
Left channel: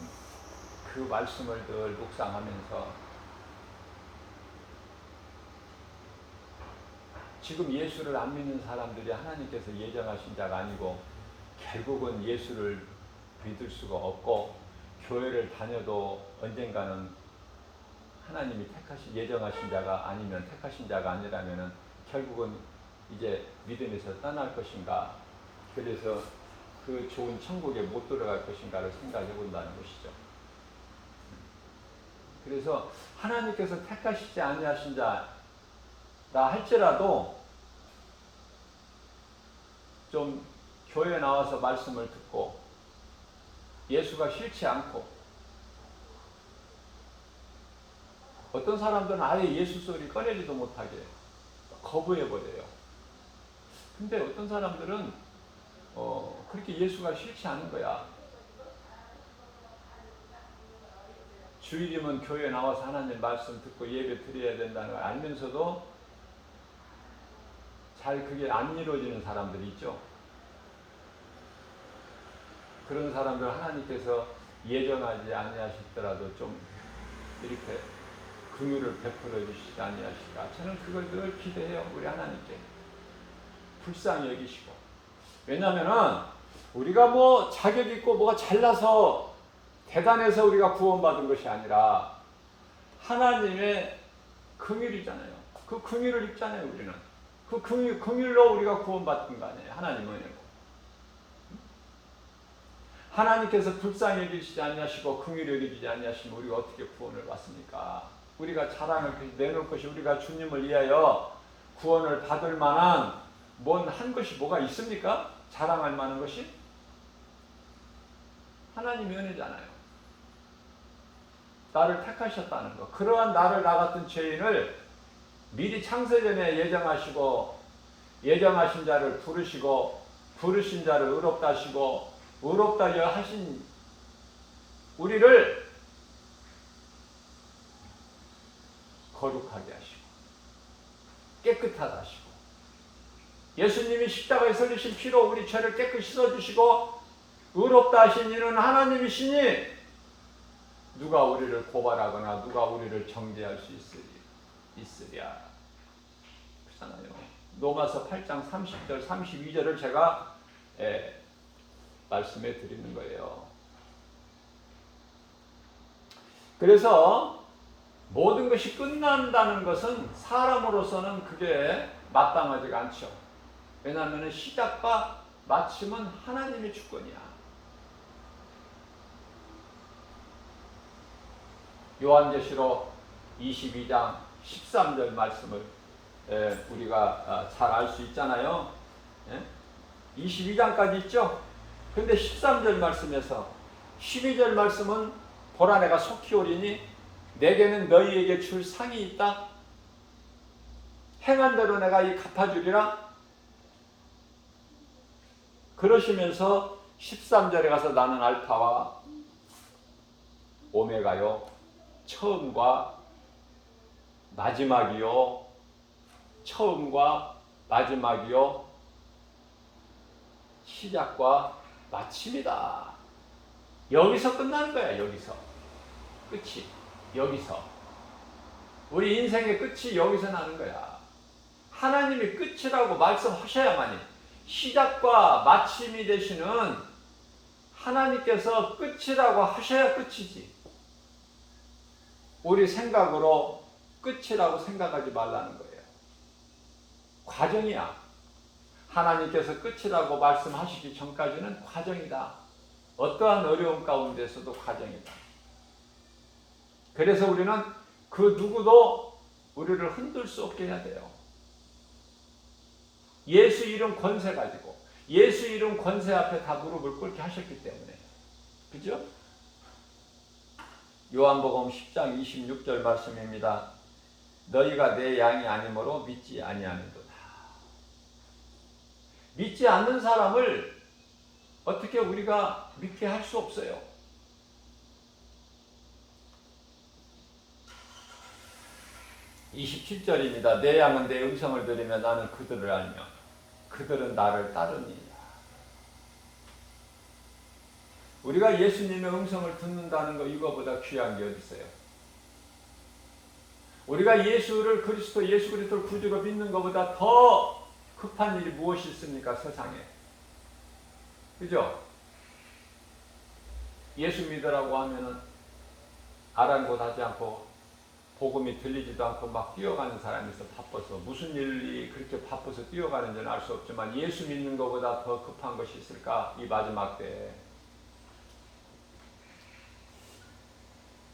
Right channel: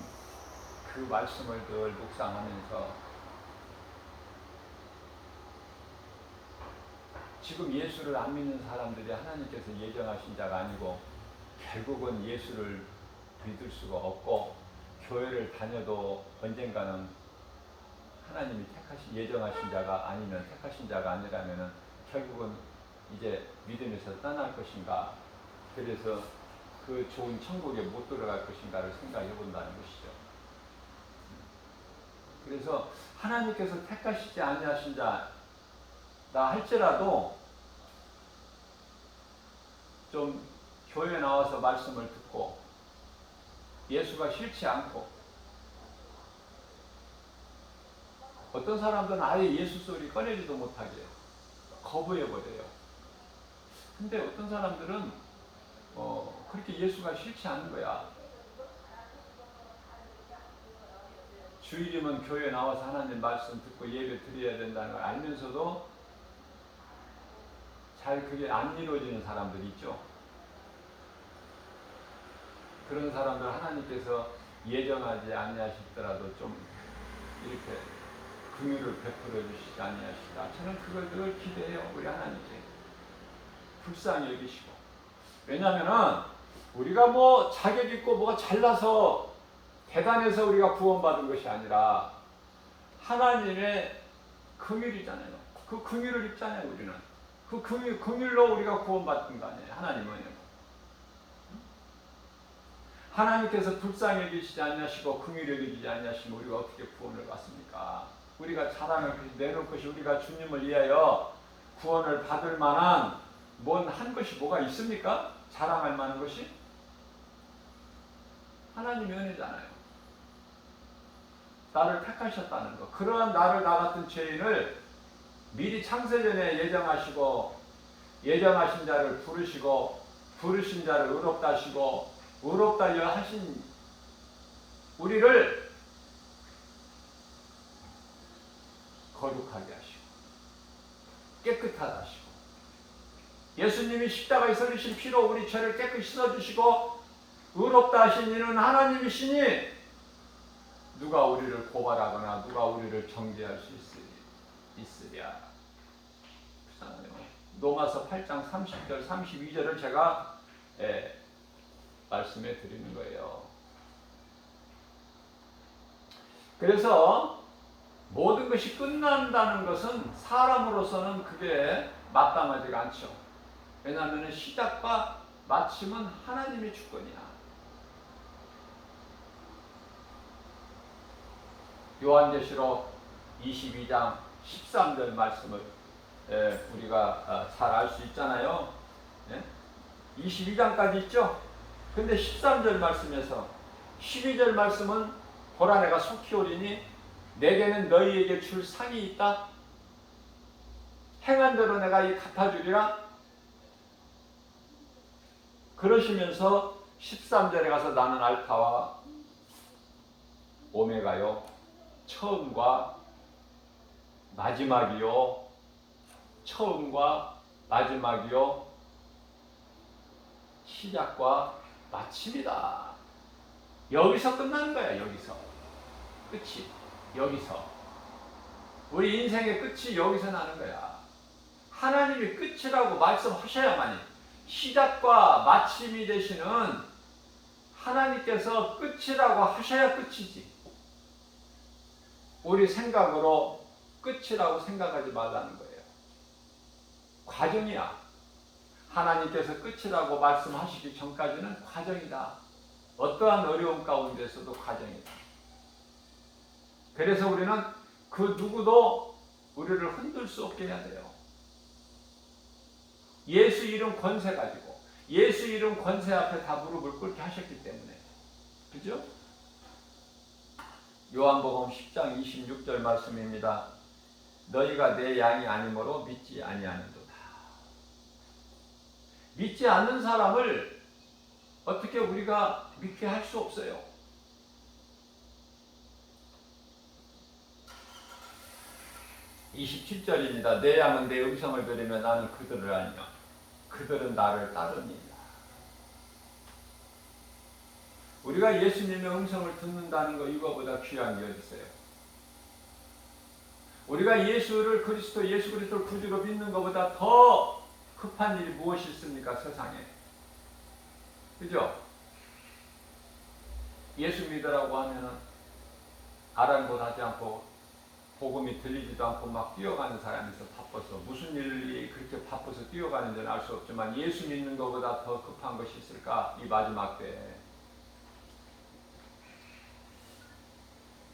그 말씀을 늘 묵상하면서 지금 예수를 안 믿는 사람들이 하나님께서 예정하신 자가 아니고 결국은 예수를 믿을 수가 없고 교회를 다녀도 언젠가는 하나님이 예정하신 자가 아니면 택하신 자가 아니라면은 결국은 이제 믿음에서 떠날 것인가, 그래서 그 좋은 천국에 못 들어갈 것인가를 생각해 본다는 것이죠. 그래서 하나님께서 택하시지 아니하신 자라 할지라도 좀 교회 나와서 말씀을 듣고 예수가 싫지 않고, 어떤 사람들은 아예 예수 소리 꺼내지도 못하게 거부해버려요. 근데 어떤 사람들은 그렇게 예수가 싫지 않은 거야. 주일이면 교회 나와서 하나님 말씀 듣고 예배 드려야 된다는 걸 알면서도 잘 그게 안 이루어지는 사람들이 있죠. 그런 사람들 하나님께서 예정하지 아니하시더라도 좀 이렇게 긍휼을 베풀어 주시지 아니하실까. 저는 그걸 늘 기대해요. 우리 하나님께 불쌍히 여기시고. 왜냐하면은 우리가 뭐 자격 있고 뭐가 잘나서 대단해서 우리가 구원받은 것이 아니라 하나님의 긍휼이잖아요. 그 긍휼을 입잖아요. 우리는 그 긍휼로 우리가 구원받은 거 아니에요. 하나님은 하나님께서 불쌍히 여기시지 않냐시고 긍휼히 여기지 않냐시면 우리가 어떻게 구원을 받습니까? 우리가 자랑을 내놓을 것이 우리가 주님을 위하여 구원을 받을 만한 뭔 한 것이 뭐가 있습니까? 자랑할 만한 것이? 하나님의 은혜잖아요. 나를 택하셨다는 것. 그러한 나를 나 같은 죄인을 미리 창세전에 예정하시고 예정하신 자를 부르시고 부르신 자를 의롭다 하시고 의롭다 하신 우리를 거룩하게 하시고 깨끗하다 하시고 예수님이 십자가에 설리신 피로 우리 죄를 깨끗이 씻어주시고 의롭다 하신 이는 하나님이시니 누가 우리를 고발하거나 누가 우리를 정죄할 수 있으랴. 불쌍하네요. 로마서 8장 30절 32절을 제가 말씀해 드리는 거예요. 그래서 모든 것이 끝난다는 것은 사람으로서는 그게 마땅하지가 않죠. 왜냐하면 시작과 마침은 하나님의 주권이야. 요한계시록 22장 13절 말씀을 우리가 잘 알 수 있잖아요. 22장까지 있죠. 근데 13절 말씀에서 12절 말씀은 보라 내가 속히 오리니 내게는 너희에게 줄 상이 있다. 행한 대로 내가 이 갚아주리라. 그러시면서 13절에 가서 나는 알파와 오메가요 처음과 마지막이요 처음과 마지막이요 시작과 마침이다. 여기서 끝나는 거야. 여기서 끝이. 여기서 우리 인생의 끝이 여기서 나는 거야. 하나님이 끝이라고 말씀하셔야만이 시작과 마침이 되시는 하나님께서 끝이라고 하셔야 끝이지. 우리 생각으로 끝이라고 생각하지 말라는 거예요. 과정이야. 하나님께서 끝이라고 말씀하시기 전까지는 과정이다. 어떠한 어려움 가운데서도 과정이다. 그래서 우리는 그 누구도 우리를 흔들 수 없게 해야 돼요. 예수 이름 권세 가지고 예수 이름 권세 앞에 다 무릎을 꿇게 하셨기 때문에. 그죠? 요한복음 10장 26절 말씀입니다. 너희가 내 양이 아니므로 믿지 아니하는도다. 믿지 않는 사람을 어떻게 우리가 믿게 할 수 없어요. 27절입니다. 내 양은 내 음성을 들으며 나는 그들을 알며 그들은 나를 따르니라. 우리가 예수님의 음성을 듣는다는 거 이거보다 귀한 게 어디 있어요? 우리가 예수를 그리스도 예수 그리스도를 구주로 믿는 것보다 더 급한 일이 무엇이 있습니까? 세상에. 그죠? 예수 믿으라고 하면은 아랑곳하지 않고 복음이 들리지도 않고 막 뛰어가는 사람이 있어. 바빠서 무슨 일이 그렇게 바빠서 뛰어가는지는 알 수 없지만 예수 믿는 것보다 더 급한 것이 있을까? 이 마지막 때에.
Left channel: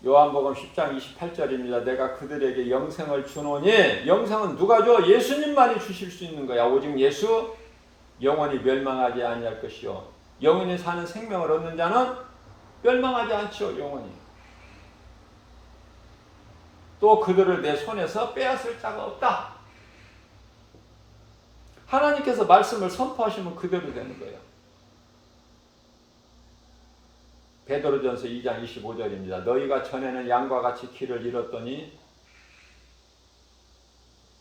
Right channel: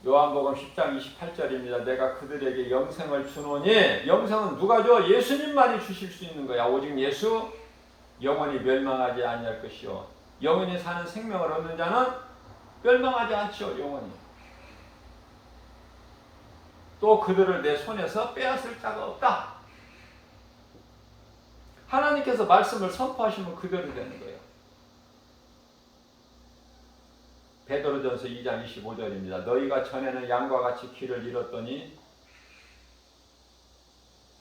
요한복음 10장 28절입니다. 내가 그들에게 영생을 주노니, 영생은 누가 줘? 예수님만이 주실 수 있는 거야. 오직 예수, 영원히 멸망하지 아니할 것이요 영원히 사는 생명을 얻는 자는 멸망하지 않지요. 영원히. 또 그들을 내 손에서 빼앗을 자가 없다. 하나님께서 말씀을 선포하시면 그대로 되는 거예요. 베드로전서 2장 25절입니다. 너희가 전에는 양과 같이 길을 잃었더니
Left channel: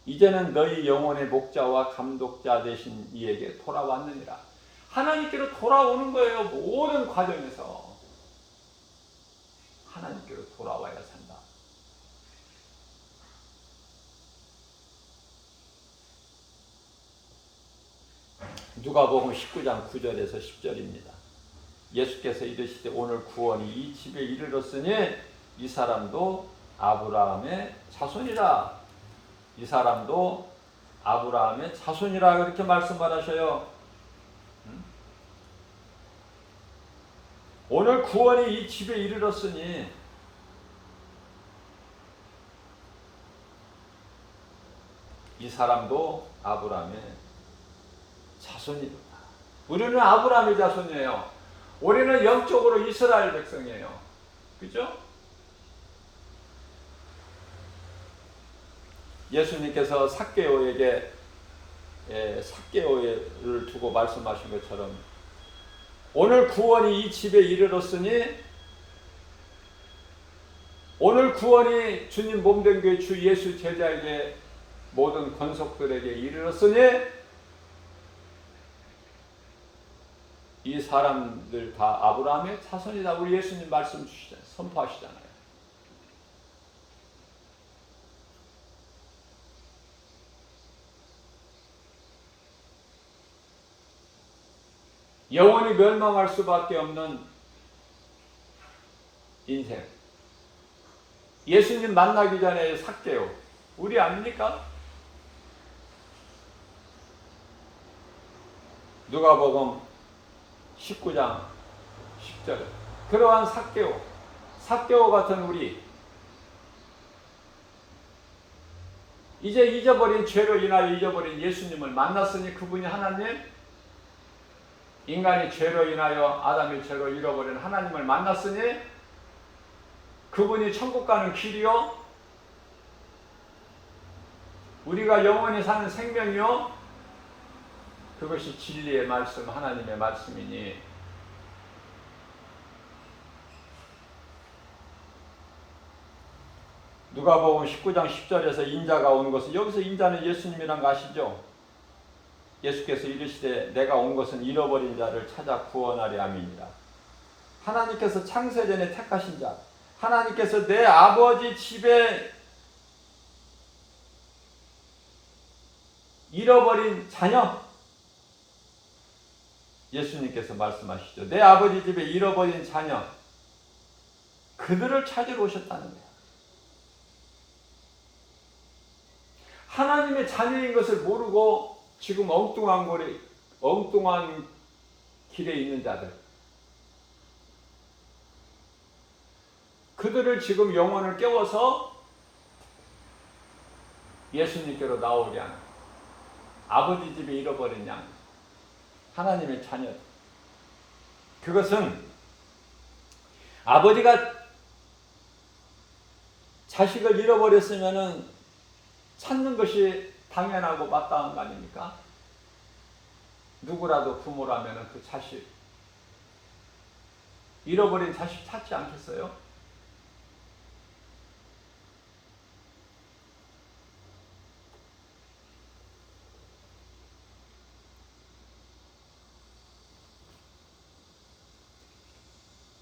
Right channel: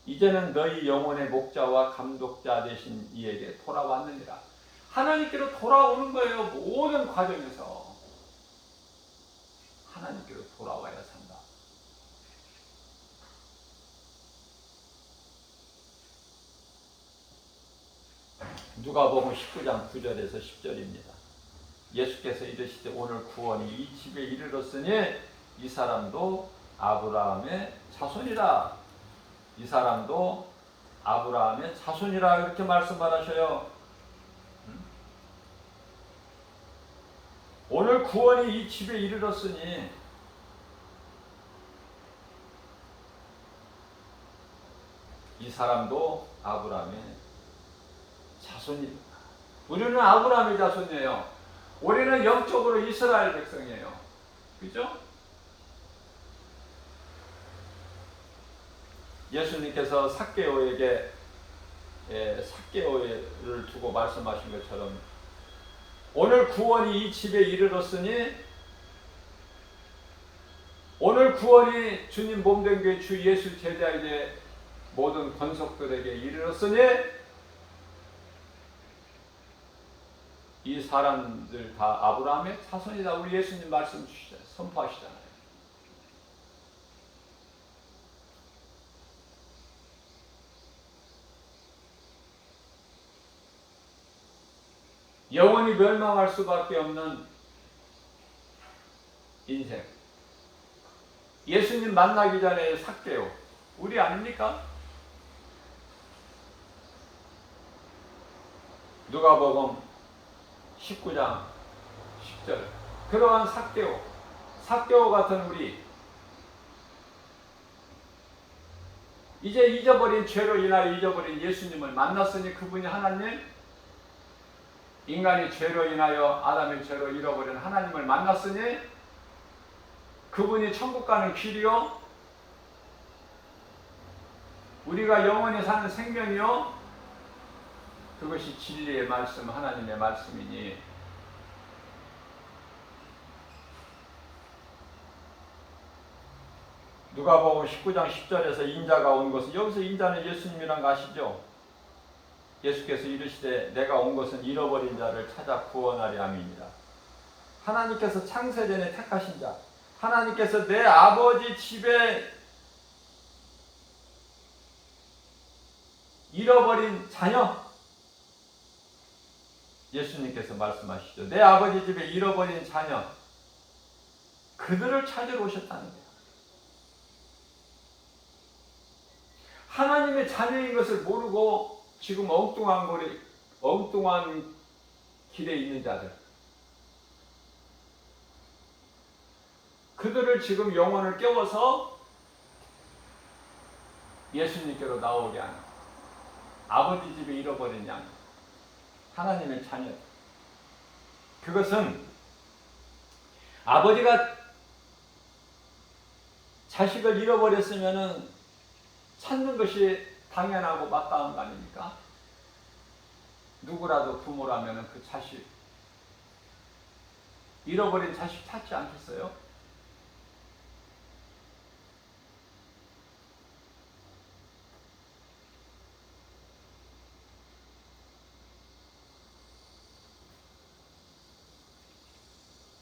이제는 너희 영혼의 목자와 감독자 되신 이에게 돌아왔느니라. 하나님께로 돌아오는 거예요. 모든 과정에서 하나님께로 돌아와야 산다. 누가복음 19장 9절에서 10절입니다. 예수께서 이르시되 오늘 구원이 이 집에 이르렀으니 이 사람도 아브라함의 자손이라. 이 사람도 아브라함의 자손이라 이렇게 말씀하셔요. 오늘 구원이 이 집에 이르렀으니 이 사람도 아브라함의 자손입니다. 우리는 아브라함의 자손이에요. 우리는 영적으로 이스라엘 백성이에요. 그죠? 예수님께서 삭개오에게 삭개오를 두고 말씀하신 것처럼 오늘 구원이 이 집에 이르렀으니 오늘 구원이 주님 몸된 교회 주 예수 제자에게 모든 권속들에게 이르렀으니 이 사람들 다 아브라함의 자손이다. 우리 예수님 말씀 주시잖아요. 선포하시잖아요. 영원히 멸망할 수밖에 없는 인생. 예수님 만나기 전에 삭개오. 우리 아닙니까? 누가복음 19장 10절. 그러한 삭개오 같은 우리, 이제 잊어버린 죄로 인하여 잊어버린 예수님을 만났으니 그분이 하나님, 인간이 죄로 인하여 아담의 죄로 잃어버린 하나님을 만났으니 그분이 천국 가는 길이요 우리가 영원히 사는 생명이요 그것이 진리의 말씀, 하나님의 말씀이니 누가복음 19장 10절에서 인자가 온 것은, 여기서 인자는 예수님이란 거 아시죠? 예수께서 이르시되 내가 온 것은 잃어버린 자를 찾아 구원하려 함이니라. 하나님께서 창세전에 택하신 자, 하나님께서 내 아버지 집에 잃어버린 자녀, 예수님께서 말씀하시죠. 내 아버지 집에 잃어버린 자녀, 그들을 찾으러 오셨다는 거예요. 하나님의 자녀인 것을 모르고 지금 엉뚱한 길에 있는 자들, 그들을 지금 영혼을 깨워서 예수님께로 나오게 하는, 아버지 집에 잃어버린 양, 하나님의 자녀. 그것은 아버지가 자식을 잃어버렸으면은 찾는 것이 당연하고 마땅한 거 아닙니까? 누구라도 부모라면은 그 자식, 잃어버린 자식 찾지 않겠어요?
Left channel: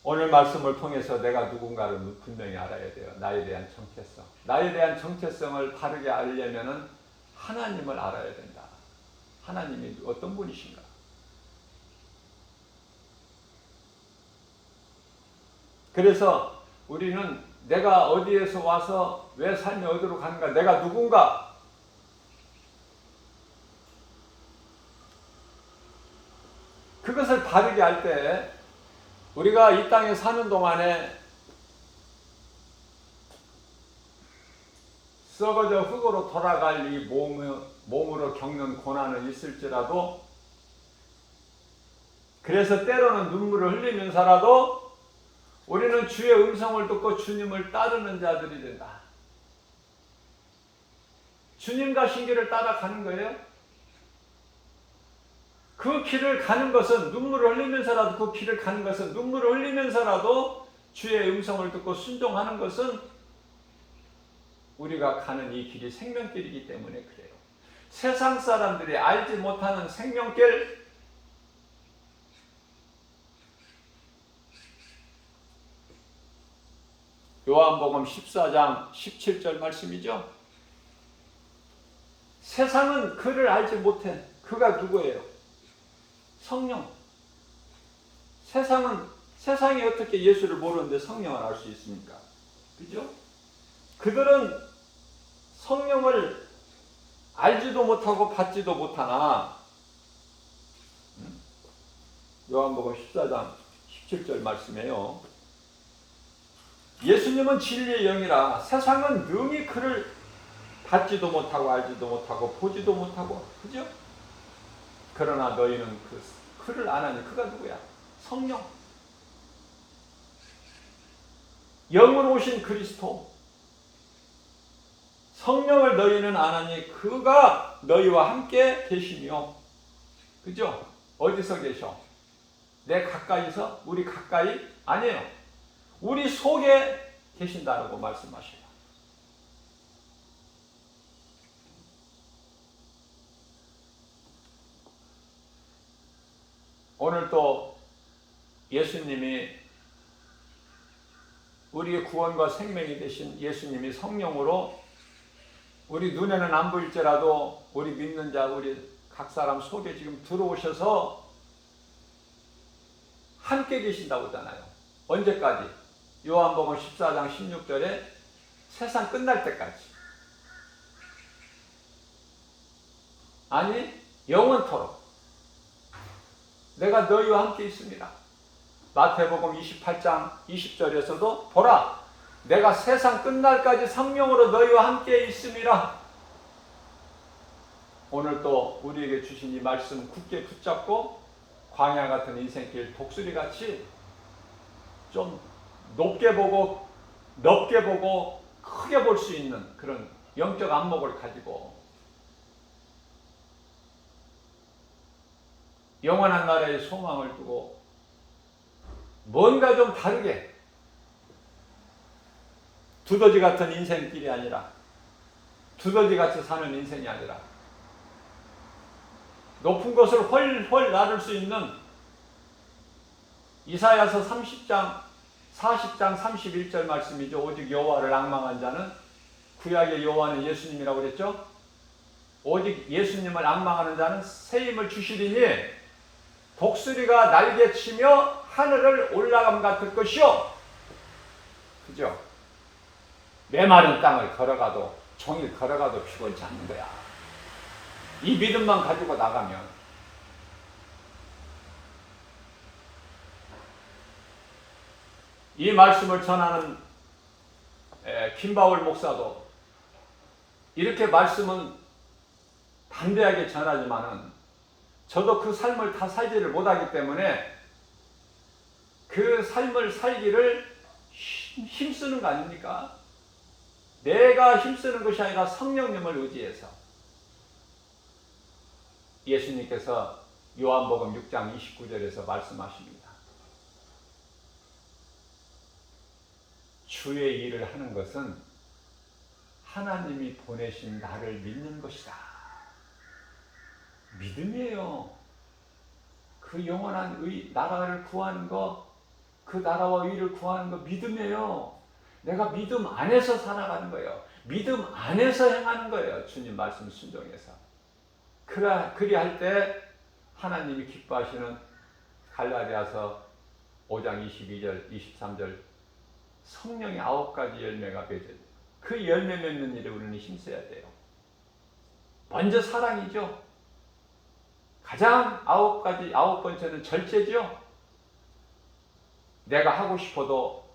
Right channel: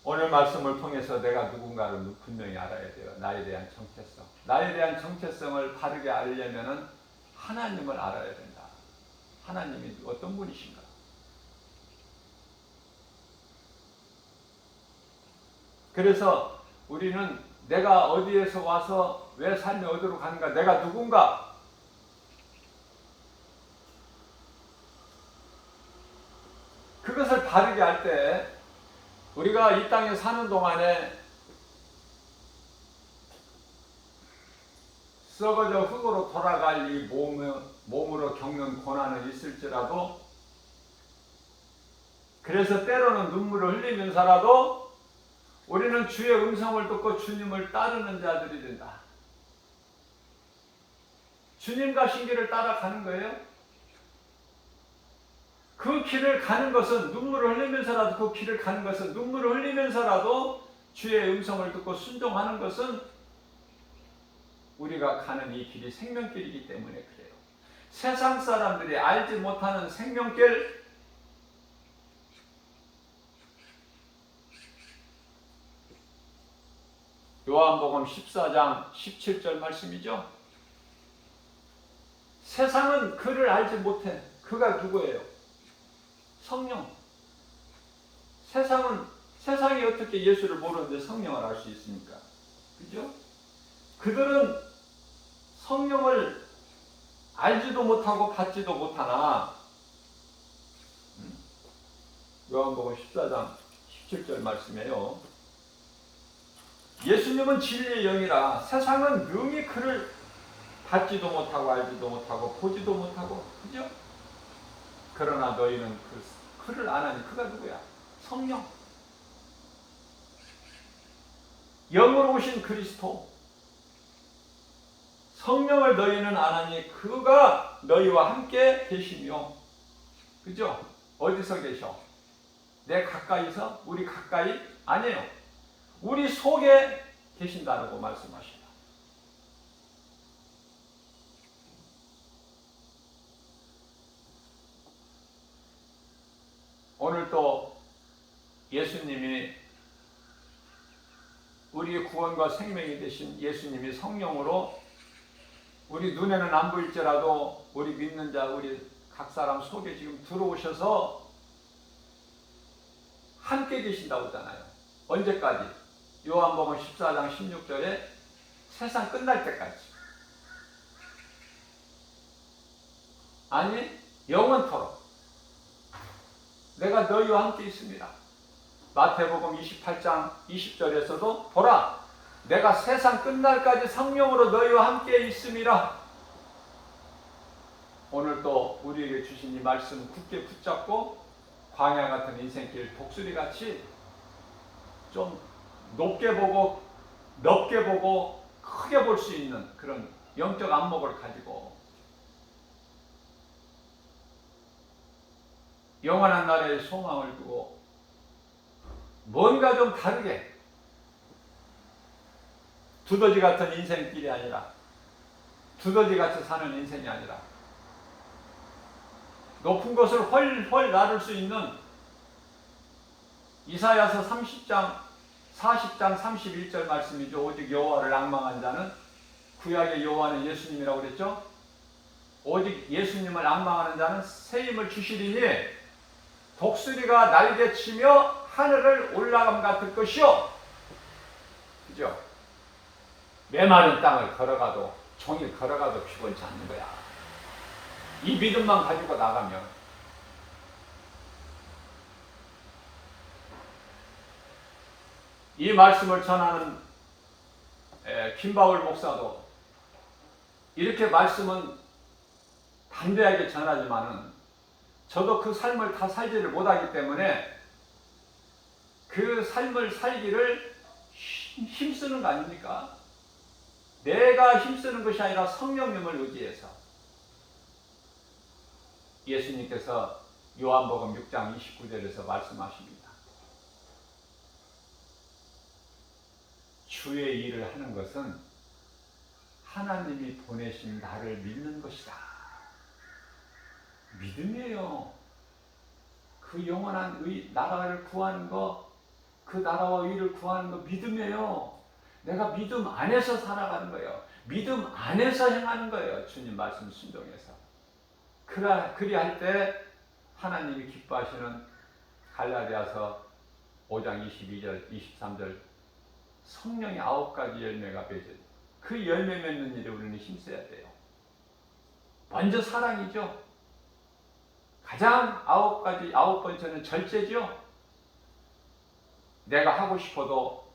오늘 말씀을 통해서 내가 누군가를 분명히 알아야 돼요. 나에 대한 정체성. 나에 대한 정체성을 바르게 알려면은 하나님을 알아야 된다. 하나님이 어떤 분이신가? 그래서 우리는 내가 어디에서 와서 왜 삶이 어디로 가는가? 내가 누군가? 그것을 바르게 할 때 우리가 이 땅에 사는 동안에 썩어져 흙으로 돌아갈 이 몸으로 겪는 고난은 있을지라도, 그래서 때로는 눈물을 흘리면서라도 우리는 주의 음성을 듣고 주님을 따르는 자들이 된다. 주님 가신 길을 따라가는 거예요. 그 길을 가는 것은 눈물을 흘리면서라도, 그 길을 가는 것은 눈물을 흘리면서라도 주의 음성을 듣고 순종하는 것은 우리가 가는 이 길이 생명길이기 때문에 그래요. 세상 사람들이 알지 못하는 생명길, 요한복음 14장 17절 말씀이죠. 세상은 그를 알지 못해. 그가 누구예요? 성령. 세상이 어떻게 예수를 모르는데 성령을 알 수 있습니까? 그죠? 그들은 성령을 알지도 못하고 받지도 못하나, 요한복음 14장 17절 말씀이에요. 예수님은 진리의 영이라 세상은 능히 그를 받지도 못하고 알지도 못하고 보지도 못하고, 그죠? 그러나 너희는 그를 아나니. 그가 누구야? 성령. 영으로 오신 그리스도. 성령을 너희는 아나니 그가 너희와 함께 계시며. 그죠? 어디서 계셔? 내 가까이서? 우리 가까이? 아니에요. 우리 속에 계신다라고 말씀하셔요. 오늘 또 예수님이, 우리의 구원과 생명이 되신 예수님이 성령으로 우리 눈에는 안 보일지라도 우리 믿는 자, 우리 각 사람 속에 지금 들어오셔서 함께 계신다고 하잖아요. 언제까지? 요한복음 14장 16절에 세상 끝날 때까지. 아니, 영원토록 내가 너희와 함께 있습니다. 마태복음 28장 20절에서도 보라, 내가 세상 끝날까지 성령으로 너희와 함께 있음이라. 오늘 또 우리에게 주신 이 말씀 굳게 붙잡고 광야 같은 인생길 독수리같이 좀 높게 보고 넓게 보고 크게 볼 수 있는 그런 영적 안목을 가지고 영원한 나라의 소망을 두고 뭔가 좀 다르게, 두더지 같은 인생길이 아니라, 두더지같이 사는 인생이 아니라 높은 곳을 훨훨 나를 수 있는 이사야서 30장 40장 31절 말씀이죠. 오직 여호와를 앙망한 자는, 구약의 여호와는 예수님이라고 그랬죠. 오직 예수님을 앙망하는 자는 새 힘을 주시리니 독수리가 날개치며 하늘을 올라감 같을 것이요. 그죠? 메마른 땅을 걸어가도, 종일 걸어가도 피곤치 않는 거야. 이 믿음만 가지고 나가면. 이 말씀을 전하는 김바울 목사도 이렇게 말씀은 담대하게 전하지만은 저도 그 삶을 다 살지를 못하기 때문에 그 삶을 살기를 힘쓰는 거 아닙니까? 내가 힘쓰는 것이 아니라 성령님을 의지해서. 예수님께서 요한복음 6장 29절에서 말씀하십니다. 주의 일을 하는 것은 하나님이 보내신 나를 믿는 것이다. 믿음이에요. 그 영원한 나라를 구하는 거, 그 나라와 의를 구하는 거 믿음이에요. 내가 믿음 안에서 살아가는 거예요. 믿음 안에서 행하는 거예요. 주님 말씀 순종해서. 그리할 때 하나님이 기뻐하시는 갈라디아서 5장 22절 23절 성령의 9가지 열매가 맺어요. 그 열매 맺는 일에 우리는 힘써야 돼요. 먼저 사랑이죠. 가장 9번째는 절제죠. 내가 하고 싶어도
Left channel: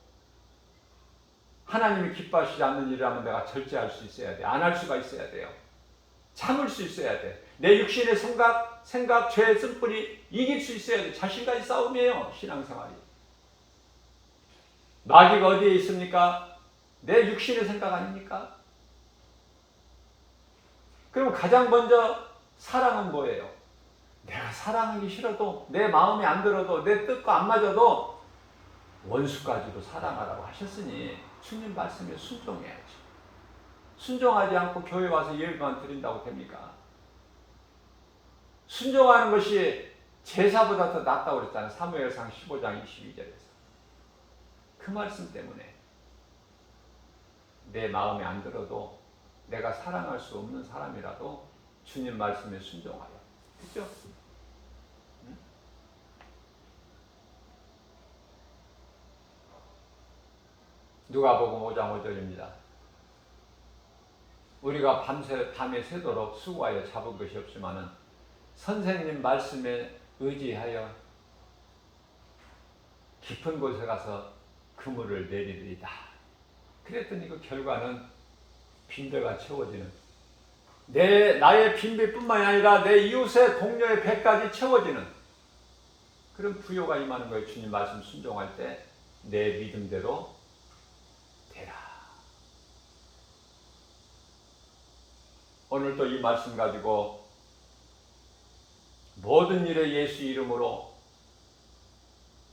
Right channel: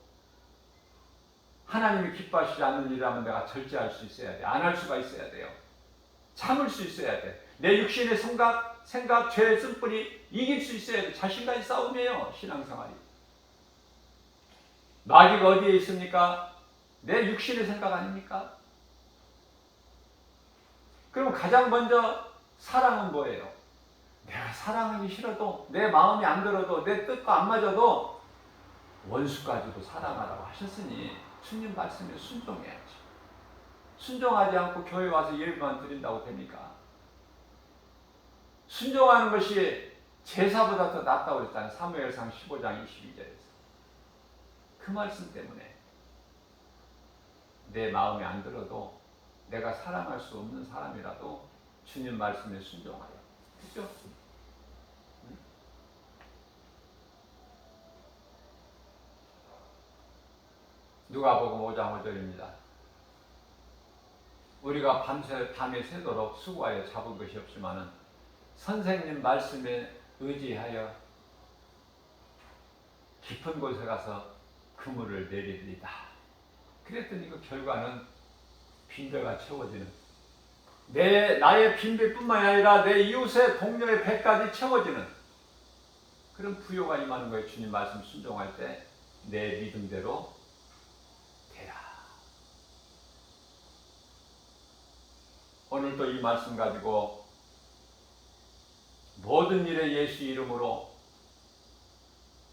하나님이 기뻐하시지 않는 일이라면 내가 절제할 수 있어야 돼. 안 할 수가 있어야 돼요. 참을 수 있어야 돼. 내 육신의 생각, 죄의 쓴뿌리 이길 수 있어야 돼. 자신과의 싸움이에요. 신앙생활이. 마귀가 어디에 있습니까? 내 육신의 생각 아닙니까? 그럼 가장 먼저 사랑은 뭐예요? 내가 사랑하기 싫어도 내 마음에 안 들어도 내 뜻과 안 맞아도 원수까지도 사랑하라고 하셨으니 주님 말씀에 순종해야지. 순종하지 않고 교회 와서 예배만 드린다고 됩니까? 순종하는 것이 제사보다 더 낫다고 그랬잖아요. 사무엘상 15장 22절에서. 그 말씀 때문에 내 마음에 안 들어도 내가 사랑할 수 없는 사람이라도 주님 말씀에 순종하라. 그죠? 누가복음 5장 5절입니다. 우리가 밤에 새도록 수고하여 잡은 것이 없지만은 선생님 말씀에 의지하여 깊은 곳에 가서 그물을 내리리다. 그랬더니 그 결과는 빈배가 채워지는, 나의 빈배뿐만이 아니라 내 이웃의 동료의 배까지 채워지는 그런 부요가 임하는 거예요. 주님 말씀 순종할 때 내 믿음대로 되라. 오늘도 이 말씀 가지고 모든 일에 예수 이름으로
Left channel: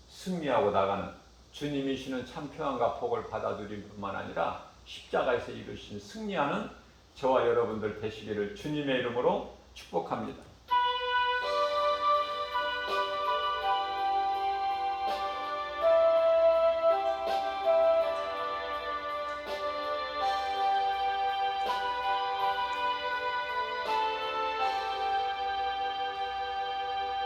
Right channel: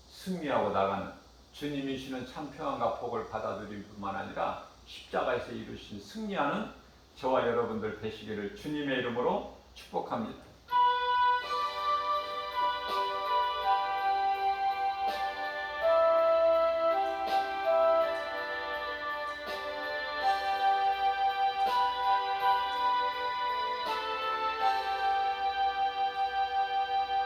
승리하고 나가는 주님이시는 참 평안과 복을 받아들일 뿐만 아니라 십자가에서 이루신 승리하는 저와 여러분들 되시기를 주님의 이름으로 축복합니다.